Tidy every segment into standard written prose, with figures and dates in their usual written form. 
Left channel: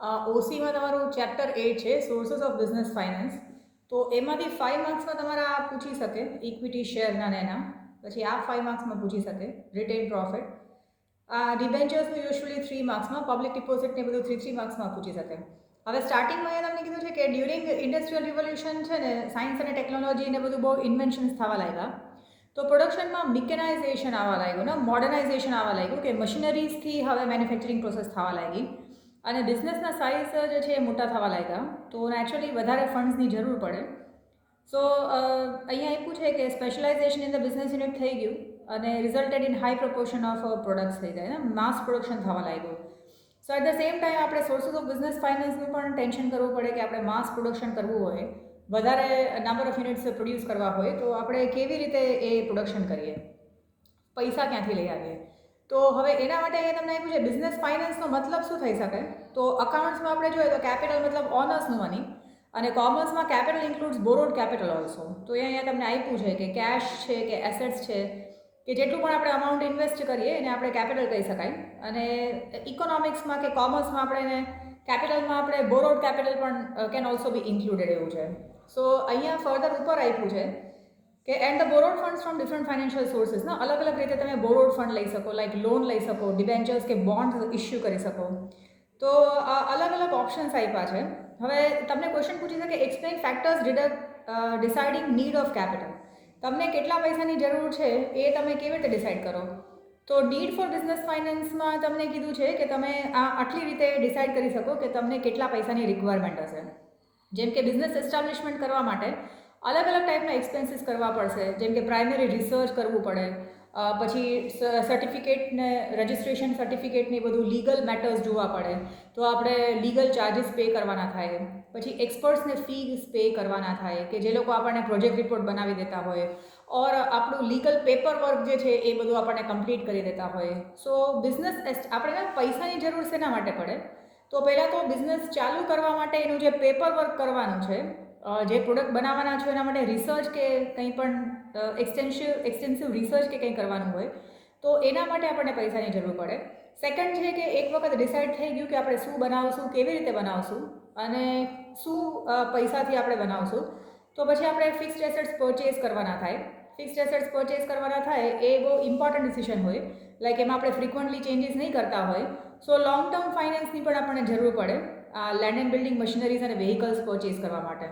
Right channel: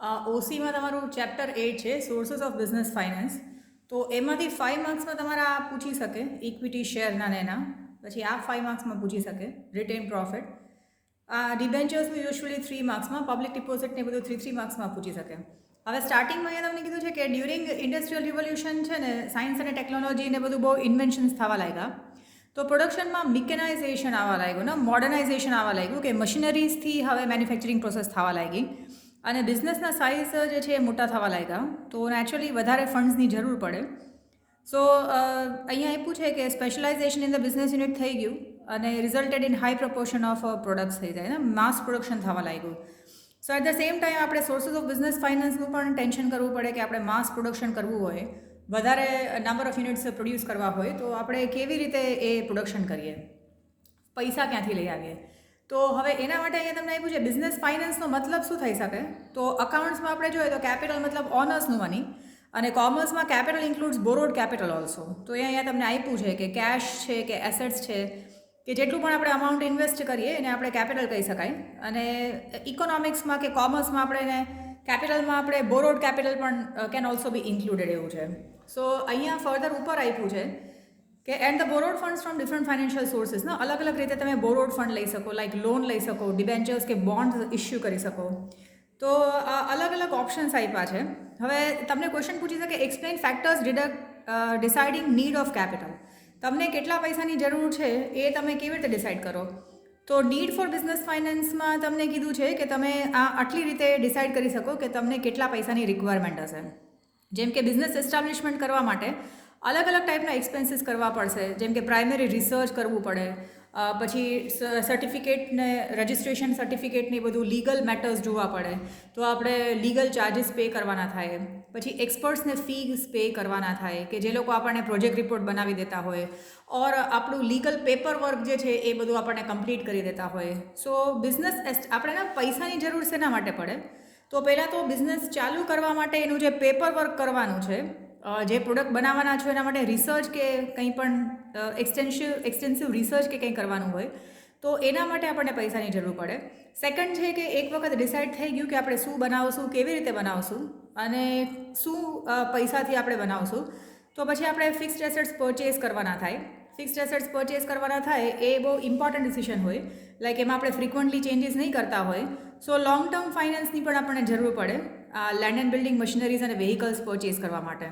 ઓસીમાં તમારું ચેપ્ટર 8 છે સોર્सेस of business finance. તો એમાંથી 5 માર્ક્સમાં તમારા આ પૂછી શકે ઇક્વિટી શેરના ને એના, પછી આ 5 માર્ક્સમાં પૂછી શકે રિટેન પ્રોફિટ. આ ડિબેન્ચર્સનું યુઝ્યુઅલી 3 માર્ક્સમાં, પબ્લિક ડિપોઝિટને બધું 3 માર્ક્સમાં પૂછી શકે. હવે સ્ટાર્ટિંગમાં એ તમને કીધું છે કે ડ્યુરિંગ ઇન્ડસ્ટ્રીયલ રિવોલ્યુશન છે ને, સાયન્સ અને ટેકનોલોજી ને બધું બહુ ઇન્વેન્શન્સ થવા લાગ્યા. તો પ્રોડક્શનમાં મિકેનાઇઝેશન આવવા લાગ્યું ને, મોડર્નાઇઝેશન આવવા લાગ્યું કે મશીનરીઝથી હવે મેન્યુફેક્ચરિંગ પ્રોસેસ થવા લાગી અને બિઝનેસના સાઇઝ જે છે એ મોટા થવા લાગ્યા. તો નેચરલી વધારે ફંડ્સની જરૂર પડે. સો અહીંયા એ પૂછે કે specialisation in the business unit થઈ ગયું અને resulted in high proportion of products થઈ જાય ને, માસ પ્રોડક્શન થવા લાગ્યું. So at the same time આપણે સોર્સિસ ઓફ બિઝનેસ ફાઇનાન્સનું પણ ટેન્શન કરવું પડે કે આપણે માસ પ્રોડક્શન કરવું હોય, વધારે નંબર ઓફ યુનિટ્સ પ્રોડ્યુસ કરવા હોય તો આપણે કેવી રીતે એ પ્રોડક્શન કરીએ, પૈસા ક્યાંથી લઈ આવીએ. તો હવે એના માટે અહીંયા તમને આપ્યું છે બિઝનેસ ફાઇનાન્સનો મતલબ શું થઈ શકે. તો અકાઉન્ટ્સમાં આપણે જોઈએ તો કેપિટલ મતલબ ઓનર્સનું મની, અને કોમર્સમાં capital includes borrowed capital also. તો એ અહીંયા તમને આપ્યું છે કે કેશ છે કે એસેટ્સ છે કે જેટલું પણ આપણે અમાઉન્ટ ઇન્વેસ્ટ કરીએ એને આપણે કેપિટલ કહી શકાય. અને ઇકોનોમિક્સમાં કે કોમર્સમાં આપણે એને કેપિટલમાં આપણે બોરોડ કેપિટલ પણ કેન ઓલ્સો બી ઇન્ક્લુડેડ એવું છે. સો અહીંયા ફર્ધર ઉપર આપ્યું છે કે and the borrowed funds from different financial sources. ને અલગ અલગ રીતે તમે બોરોડ ફંડ લઈ શકો, લાઈક લોન લઈ શકો, ડિબેન્ચર્સ કે બોન્ડ ઇસ્યુ કરી શકો. તો અલગ અલગ ઓપ્શન્સ આપ્યા છે. હવે તમને ક્વેશ્ચન પૂછી શકે explain factors deciding need of capital. તમને કેટલા પૈસાની જરૂર છે એ તમે કેવી રીતે ડિસાઇડ કરો. તો નીડ ફોર બિઝનેસ ફાઇનાન્સમાં તમને કીધું છે કે તમે આટલી રીતે ડિસાઇડ કરી શકો કે તમને કેટલા પૈસાની રિક્વાયરમેન્ટ હશે. જેમ કે બિઝનેસ એસ્ટાબ્લિશમેન્ટ કરવા માટે અલગ અલગ ટાઈપના એક્સપેન્સીસ કરવા પડશે. જેમ કે પ્રાઇમરી રિસર્ચ કરવું પડે, પછી સર્ટિફિકેટને રજિસ્ટ્રેશન સર્ટિફિકેટને બધું લીગલ મેટર્સ જોવા પડે, તો આપણે લીગલ ચાર્જીસ પે કરવાના થાય. પછી એક્સપર્ટ્સને ફીસ પે કરવાના થાય કે જે લોકો આપણને પ્રોજેક્ટ રિપોર્ટ બનાવી દેતા હોય, ઓર આપણું લીગલ પેપર વર્ક જે છે એ બધું આપણને કમ્પ્લીટ કરી દેતા હોય. સો બિઝનેસ આપણે પૈસાની જરૂર શેના માટે પડે. તો પહેલાં તો બિઝનેસ ચાલુ કરવા માટે એનું જે પેપર વર્ક કરવાનું છે, જે પ્રોડક્ટ બનાવવાના છો એના માટે રિસર્ચ કે કંઈ પણ એક્સટેન્સિવ રિસર્ચ કે કંઈ કરવાનું હોય તો એના માટે આપણને પૈસાની જરૂર પડે. સેકન્ડ છે કે એક વખત ડિસાઇડ થઈ ગયું કે આપણે શું બનાવશું, કેવી રીતે બનાવશું અને શું પૈસાથી આપણે બનાવશું, તો પછી આપણે ફિક્સ્ડ એસેટ્સ પરચેસ કરવાના થાય. ફિક્સ્ડ એસેટ્સ પરચેસ કરવાના થાય એ બહુ ઇમ્પોર્ટન્ટ ડિસિઝન હોય, લાઈક એમાં આપણે ફ્રિકવન્ટલી ચેન્જીસ નહીં કરતા હોય. સો લોંગ ટર્મ ફાઇનાન્સની પણ આપણને જરૂર પડે લેન્ડ એન્ડ બિલ્ડિંગ મશીનરીઝ અને વેહિકલ્સ પરચેસ કરવા માટે.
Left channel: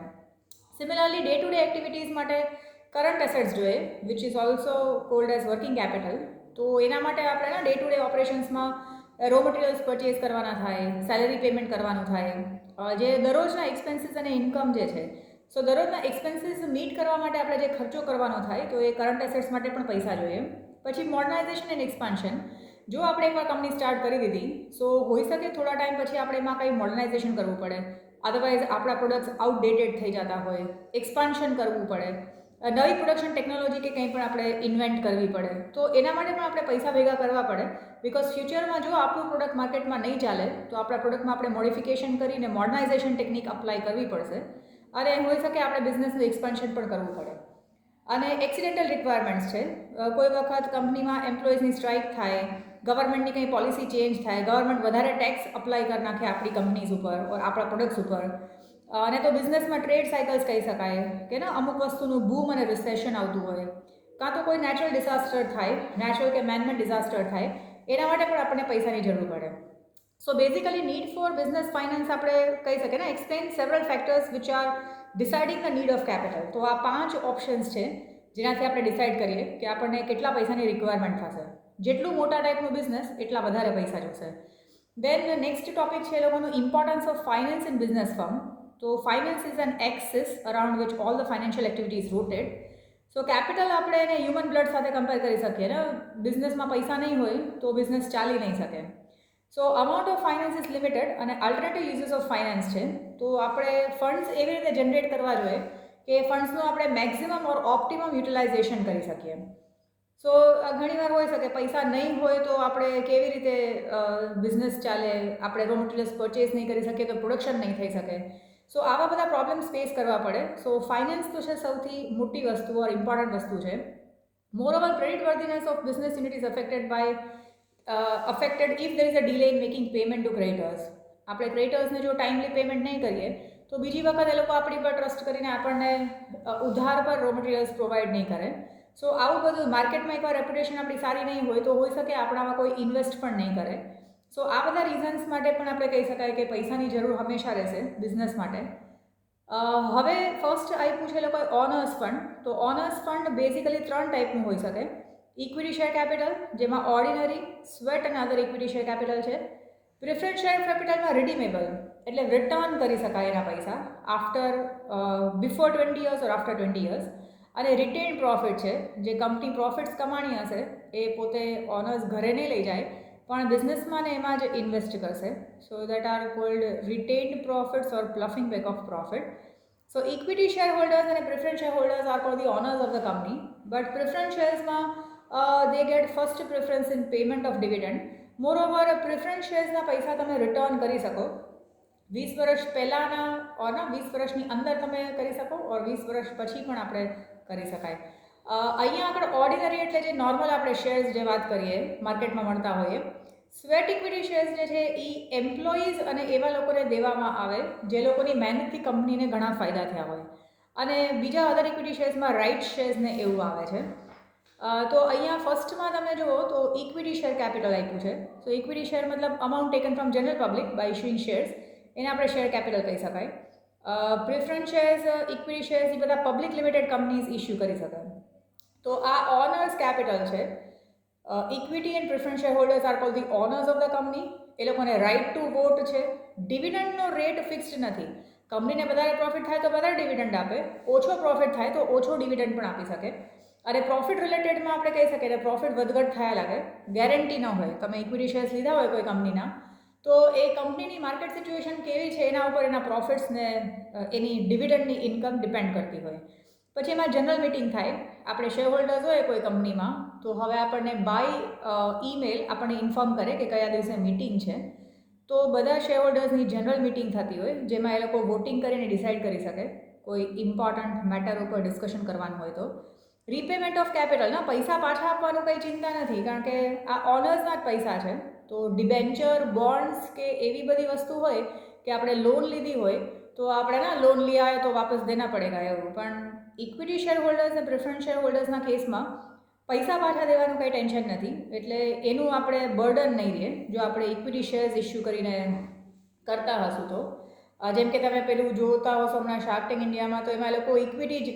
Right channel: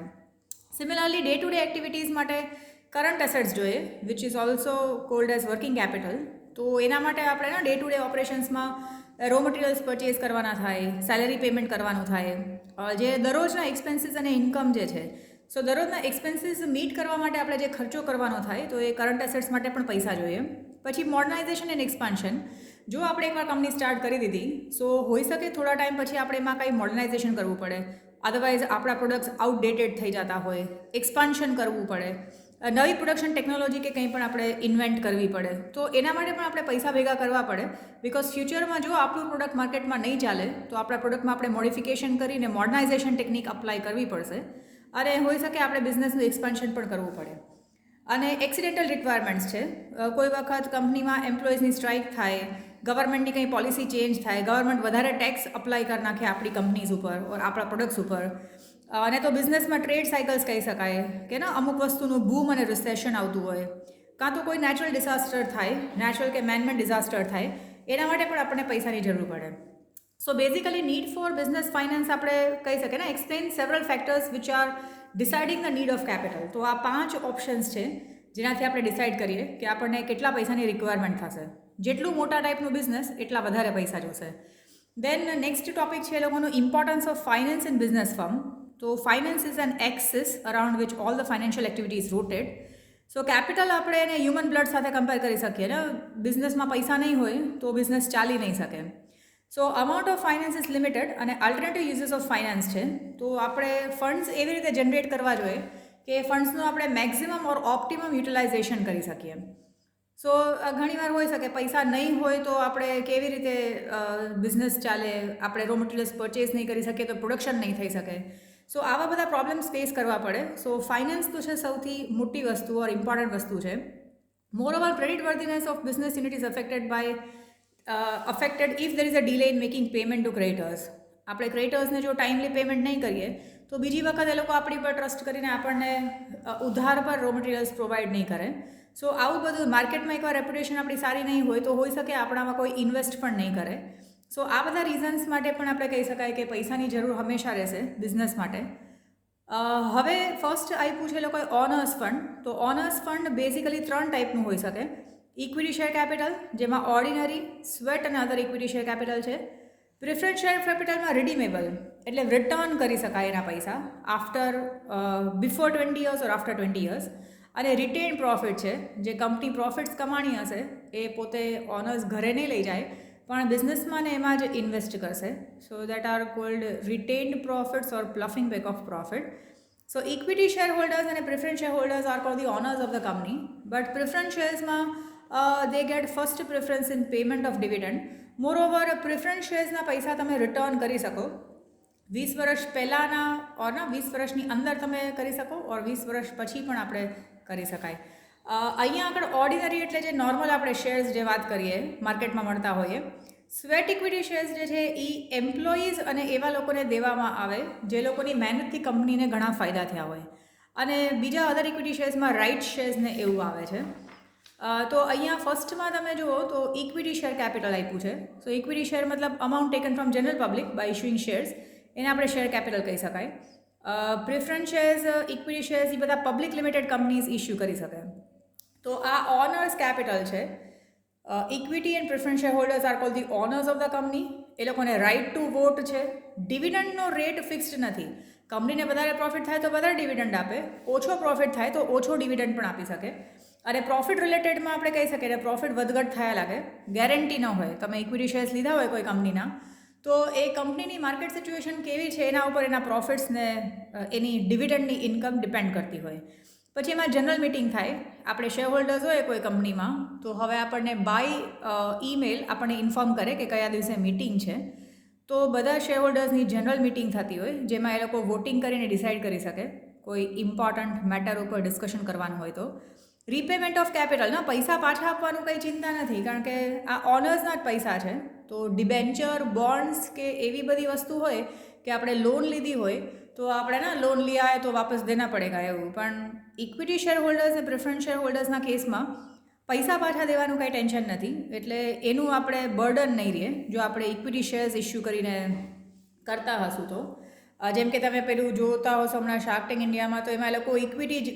Similarly day to day activities માટે કરંટ એસેટ્સ જોઈએ, which is also called as working capital. તો એના માટે આપણે ડે ટુ ડે ઓપરેશન્સમાં રો મટીરિયલ્સ પરચેસ કરવાના થાય, સેલેરી પેમેન્ટ કરવાનું થાય, જે દરરોજના એક્સપેન્સીસ અને ઇન્કમ જે છે. સો દરરોજના એક્સપેન્સીસ મીટ કરવા માટે આપણે જે ખર્ચો કરવાનો થાય તો એ કરંટ એસેટ્સ માટે પણ પૈસા જોઈએ. પછી મોડર્નાઇઝેશન એન્ડ એક્સપાન્શન. જો આપણે એકવાર કંપની સ્ટાર્ટ કરી દીધી સો હોઈ શકે થોડા ટાઈમ પછી આપણે એમાં કંઈ મોડર્નાઇઝેશન કરવું પડે, અદરવાઇઝ આપણા પ્રોડક્ટ્સ આઉટડેટેડ થઈ જતા હોય, એક્સપાન્શન કરવું પડે, નવી પ્રોડક્શન ટેકનોલોજી કે કંઈ પણ આપણે ઇન્વેન્ટ કરવી પડે. તો એના માટે પણ આપણે પૈસા ભેગા કરવા પડે. બિકોઝ ફ્યુચરમાં જો આપણું પ્રોડક્ટ માર્કેટમાં નહીં ચાલે તો આપણા પ્રોડક્ટમાં આપણે મોડિફિકેશન કરીને મોડર્નાઇઝેશન ટેકનિક અપ્લાય કરવી પડશે અને હોઈ શકે આપણે બિઝનેસનું એક્સપાન્શન પણ કરવું પડે. અને એક્સિડેન્ટલ રિક્વાયરમેન્ટ્સ છે. કોઈ વખત કંપનીમાં એમ્પ્લોઈઝની સ્ટ્રાઇક થાય, ગવર્મેન્ટની કંઈ પોલિસી ચેન્જ થાય, ગવર્મેન્ટ વધારે ટેક્સ અપ્લાય કરી નાખે આપણી કંપનીઝ ઉપર ઓર આપણા પ્રોડક્ટ્સ ઉપર, અને તો બિઝનેસમાં ટ્રેડ સાયકલ્સ કહી શકાય કે ને અમુક વસ્તુનું બૂમ અને રિસેશન આવતું હોય, કાં તો કોઈ નેચરલ ડિઝાસ્ટર થાય, નેચરલ કે મેનમેડ ડિઝાસ્ટર થાય, એના માટે પણ આપણને પૈસાની જરૂર પડે. So basically need four business finance આપણે કહી શકીએ ને explain several factors which are deciding the need of capital. તો આ 5 ઓપ્શન્સ છે જેનાથી આપણે ડિસાઇડ કરીએ કે આપણને કેટલા પૈસાની રિક્વાયરમેન્ટ થશે. જેટલું મોટા ટાઈપનું બિઝનેસ એટલા વધારે પૈસા જોશે. દેન નેક્સ્ટ ટોપિક છે એ લોકોનું importance of finance in business firm. તો finance is an axis around which all the financial activity is rooted. So capital આપણે એને હ્યુમન બ્લડ સાથે કમ્પેર કરી શકીએ ને. બિઝનેસમાં પૈસા નહીં હોય તો બિઝનેસ ચાલી નહીં શકે. So amount of finance is limited અને અલ્ટરનેટિવ યુઝીસ ઓફ ફાઇનાન્સ છે. તો આપણે ફંડ્સ એવી રીતે જનરેટ કરવા જોઈએ કે ફંડ્સનું આપણે મેક્સિમમ ઓર ઓપ્ટિમમ યુટિલાઇઝેશન કરી શકીએ. સો ઘણીવાર હોઈ શકે પૈસા નહીં હોય તો આપણે કેવી રીતે બિઝનેસ ચાલે, આપણે રો મટીરિયલ્સ પરચેસ નહીં કરી શકીએ તો પ્રોડક્શન નહીં થઈ શકે. સો આવા બધા પ્રોબ્લેમ્સ ફેસ કરવા પડે. સો ફાઇનાન્સ તો છે સૌથી મોટી વસ્તુ ઓર ઇમ્પોર્ટન્ટ વસ્તુ છે. Moreover creditworthiness of business unit is affected if there is a delay in making payment to creditors. આપણે ક્રેડિટર્સને જો ટાઈમલી પેમેન્ટ નહીં કરીએ તો બીજી વખત એ લોકો આપણી પર ટ્રસ્ટ કરીને આપણને ઉધાર પર રો મટીરિયલ્સ પ્રોવાઈડ નહીં કરે. સો આવું બધું માર્કેટમાં એકવાર રેપ્યુટેશન આપણી સારી નહીં હોય તો હોઈ શકે આપણામાં કોઈ ઇન્વેસ્ટ પણ નહીં કરે. સો આ બધા રીઝન્સ માટે પણ આપણે કહી શકાય કે પૈસાની જરૂર હંમેશા રહેશે બિઝનેસ માટે. હવે ફર્સ્ટ આપ્યું છે લોકોએ ઓનર્સ ફંડ. તો ઓનર્સ ફંડ બેઝિકલી 3 ટાઈપનું હોઈ શકે. ઇક્વિટી શેર કેપિટલ, જેમાં ઓર્ડિનરી, સ્વેટ અને અધર ઇક્વિટી શેર કેપિટલ છે. પ્રિફરન્સ શેર કેપિટલમાં રિડીમેબલ, એટલે રિટર્ન કરી શકાય એના પૈસા આફ્ટર બિફોર 20 યર્સ ઓર આફ્ટર 20 યર્સ. અને રિટેન પ્રોફિટ છે, જે કંપની પ્રોફિટ્સ કમાણી હશે એ પોતે ઓનર્સ ઘરે નહીં લઈ જાય પણ બિઝનેસમાં ને એમાં જ ઇન્વેસ્ટ કરશે. So that are called retained profits or ploughing back of profit. So equity shareholders અને preference shareholders are called the owners of the company, but preference શેર્સમાં they get first preference in payment of dividend. Moreover preference શેર્સના પૈસા તમે return કરી શકો 20 વર્ષ પહેલાંના ઓર 20 વર્ષની અંદર તમે કરી શકો ઓર 20 વર્ષ પછી પણ આપણે કરી શકાય. અહીંયા આગળ ઓર્ડિનરી એટલે જે નોર્મલ આપણે શેર્સ જે વાત કરીએ માર્કેટમાં મળતા હોઈએ. સ્વેટ ઇક્વિટી શેર્સ જે છે એ એમ્પ્લોઈઝ અને એવા લોકોને દેવામાં આવે જે લોકોની મહેનતથી કંપનીને ઘણા ફાયદા થયા હોય. અને બીજા અધર ઇક્વિટી શેર્સમાં રાઇટ શેર્સને એવું આવે છે. તો અહીંયા ફર્સ્ટમાં તમે જુઓ તો ઇક્વિટી શેર કેપિટલ આપ્યું છે. સો ઇક્વિટી શેર મતલબ amount taken from general public by issuing shares, એને આપણે શેર કેપિટલ કહી શકાય. પ્રિફરન્સ શેર્સ, ઇક્વિટી શેર્સ એ બધા પબ્લિક લિમિટેડ કંપનીઝ ઇશ્યુ કરી શકે. તો આ ઓનર્સ કેપિટલ છે. Equity and preference shareholders are called the owners of the company. એ લોકોને રાઇટ ટુ વોટ છે. ડિવિડન્ડનો રેટ ફિક્સ્ડ નથી. કંપનીને વધારે પ્રોફિટ થાય તો વધારે ડિવિડન્ડ આપે, ઓછો પ્રોફિટ થાય તો ઓછો ડિવિડન્ડ પણ આપી શકે. અને પ્રોફિટ રિલેટેડમાં આપણે કહી શકીએ કે પ્રોફિટ વધઘટ થયા લાગે, ગેરંટી ન હોય. તમે ઇક્વિટી શેર્સ લીધા હોય કોઈ કંપનીના તો એ કંપનીની માર્કેટ સિચ્યુએશન કેવી છે એના ઉપર એના પ્રોફિટ્સને એની ડિવિડન્ડની ઇન્કમ ડિપેન્ડ કરતી હોય. પછી એમાં જનરલ મિટિંગ થાય. આપણે શેર હોલ્ડર્સ હોય કોઈ કંપનીમાં તો હવે આપણને બાય ઈમેલ આપણને ઇન્ફોર્મ કરે કે કયા દિવસે મિટિંગ છે. તો બધા શેર હોલ્ડર્સની જનરલ મિટિંગ થતી હોય જેમાં એ લોકો વોટિંગ કરીને ડિસાઇડ કરી શકે કોઈ ઇમ્પોર્ટન્ટ મેટર ઉપર ડિસ્કશન કરવાનું હોય. તો રીપેમેન્ટ ઓફ કેપિટલના પૈસા પાછા આપવાનું કંઈ ચિંતા નથી, કારણ કે આ ઓનર્સના જ પૈસા છે. તો ડિબેન્ચર, બોન્ડ્સ કે એવી બધી વસ્તુ હોય કે આપણે લોન લીધી હોય તો આપણે ના લોન લિયા હૈ તો વાપસ દેના પડેગા એવું. પણ ઇક્વિટી શેર હોલ્ડર્સ અને પ્રિફરન્સ શેર હોલ્ડર્સના કેસમાં પૈસા પાછા દેવાનું કંઈ ટેન્શન નથી, એટલે એનું આપણે બર્ડન નહીં રહે જો આપણે ઇક્વિટી શેર્સ ઇસ્યુ કરીને કરતા હશું તો. જેમ કે તમે પેલું જોતા હશો હમણાં શાર્ક ટેન્ક ઇન્ડિયામાં, તો એમાં લોકો ઇક્વિટી જ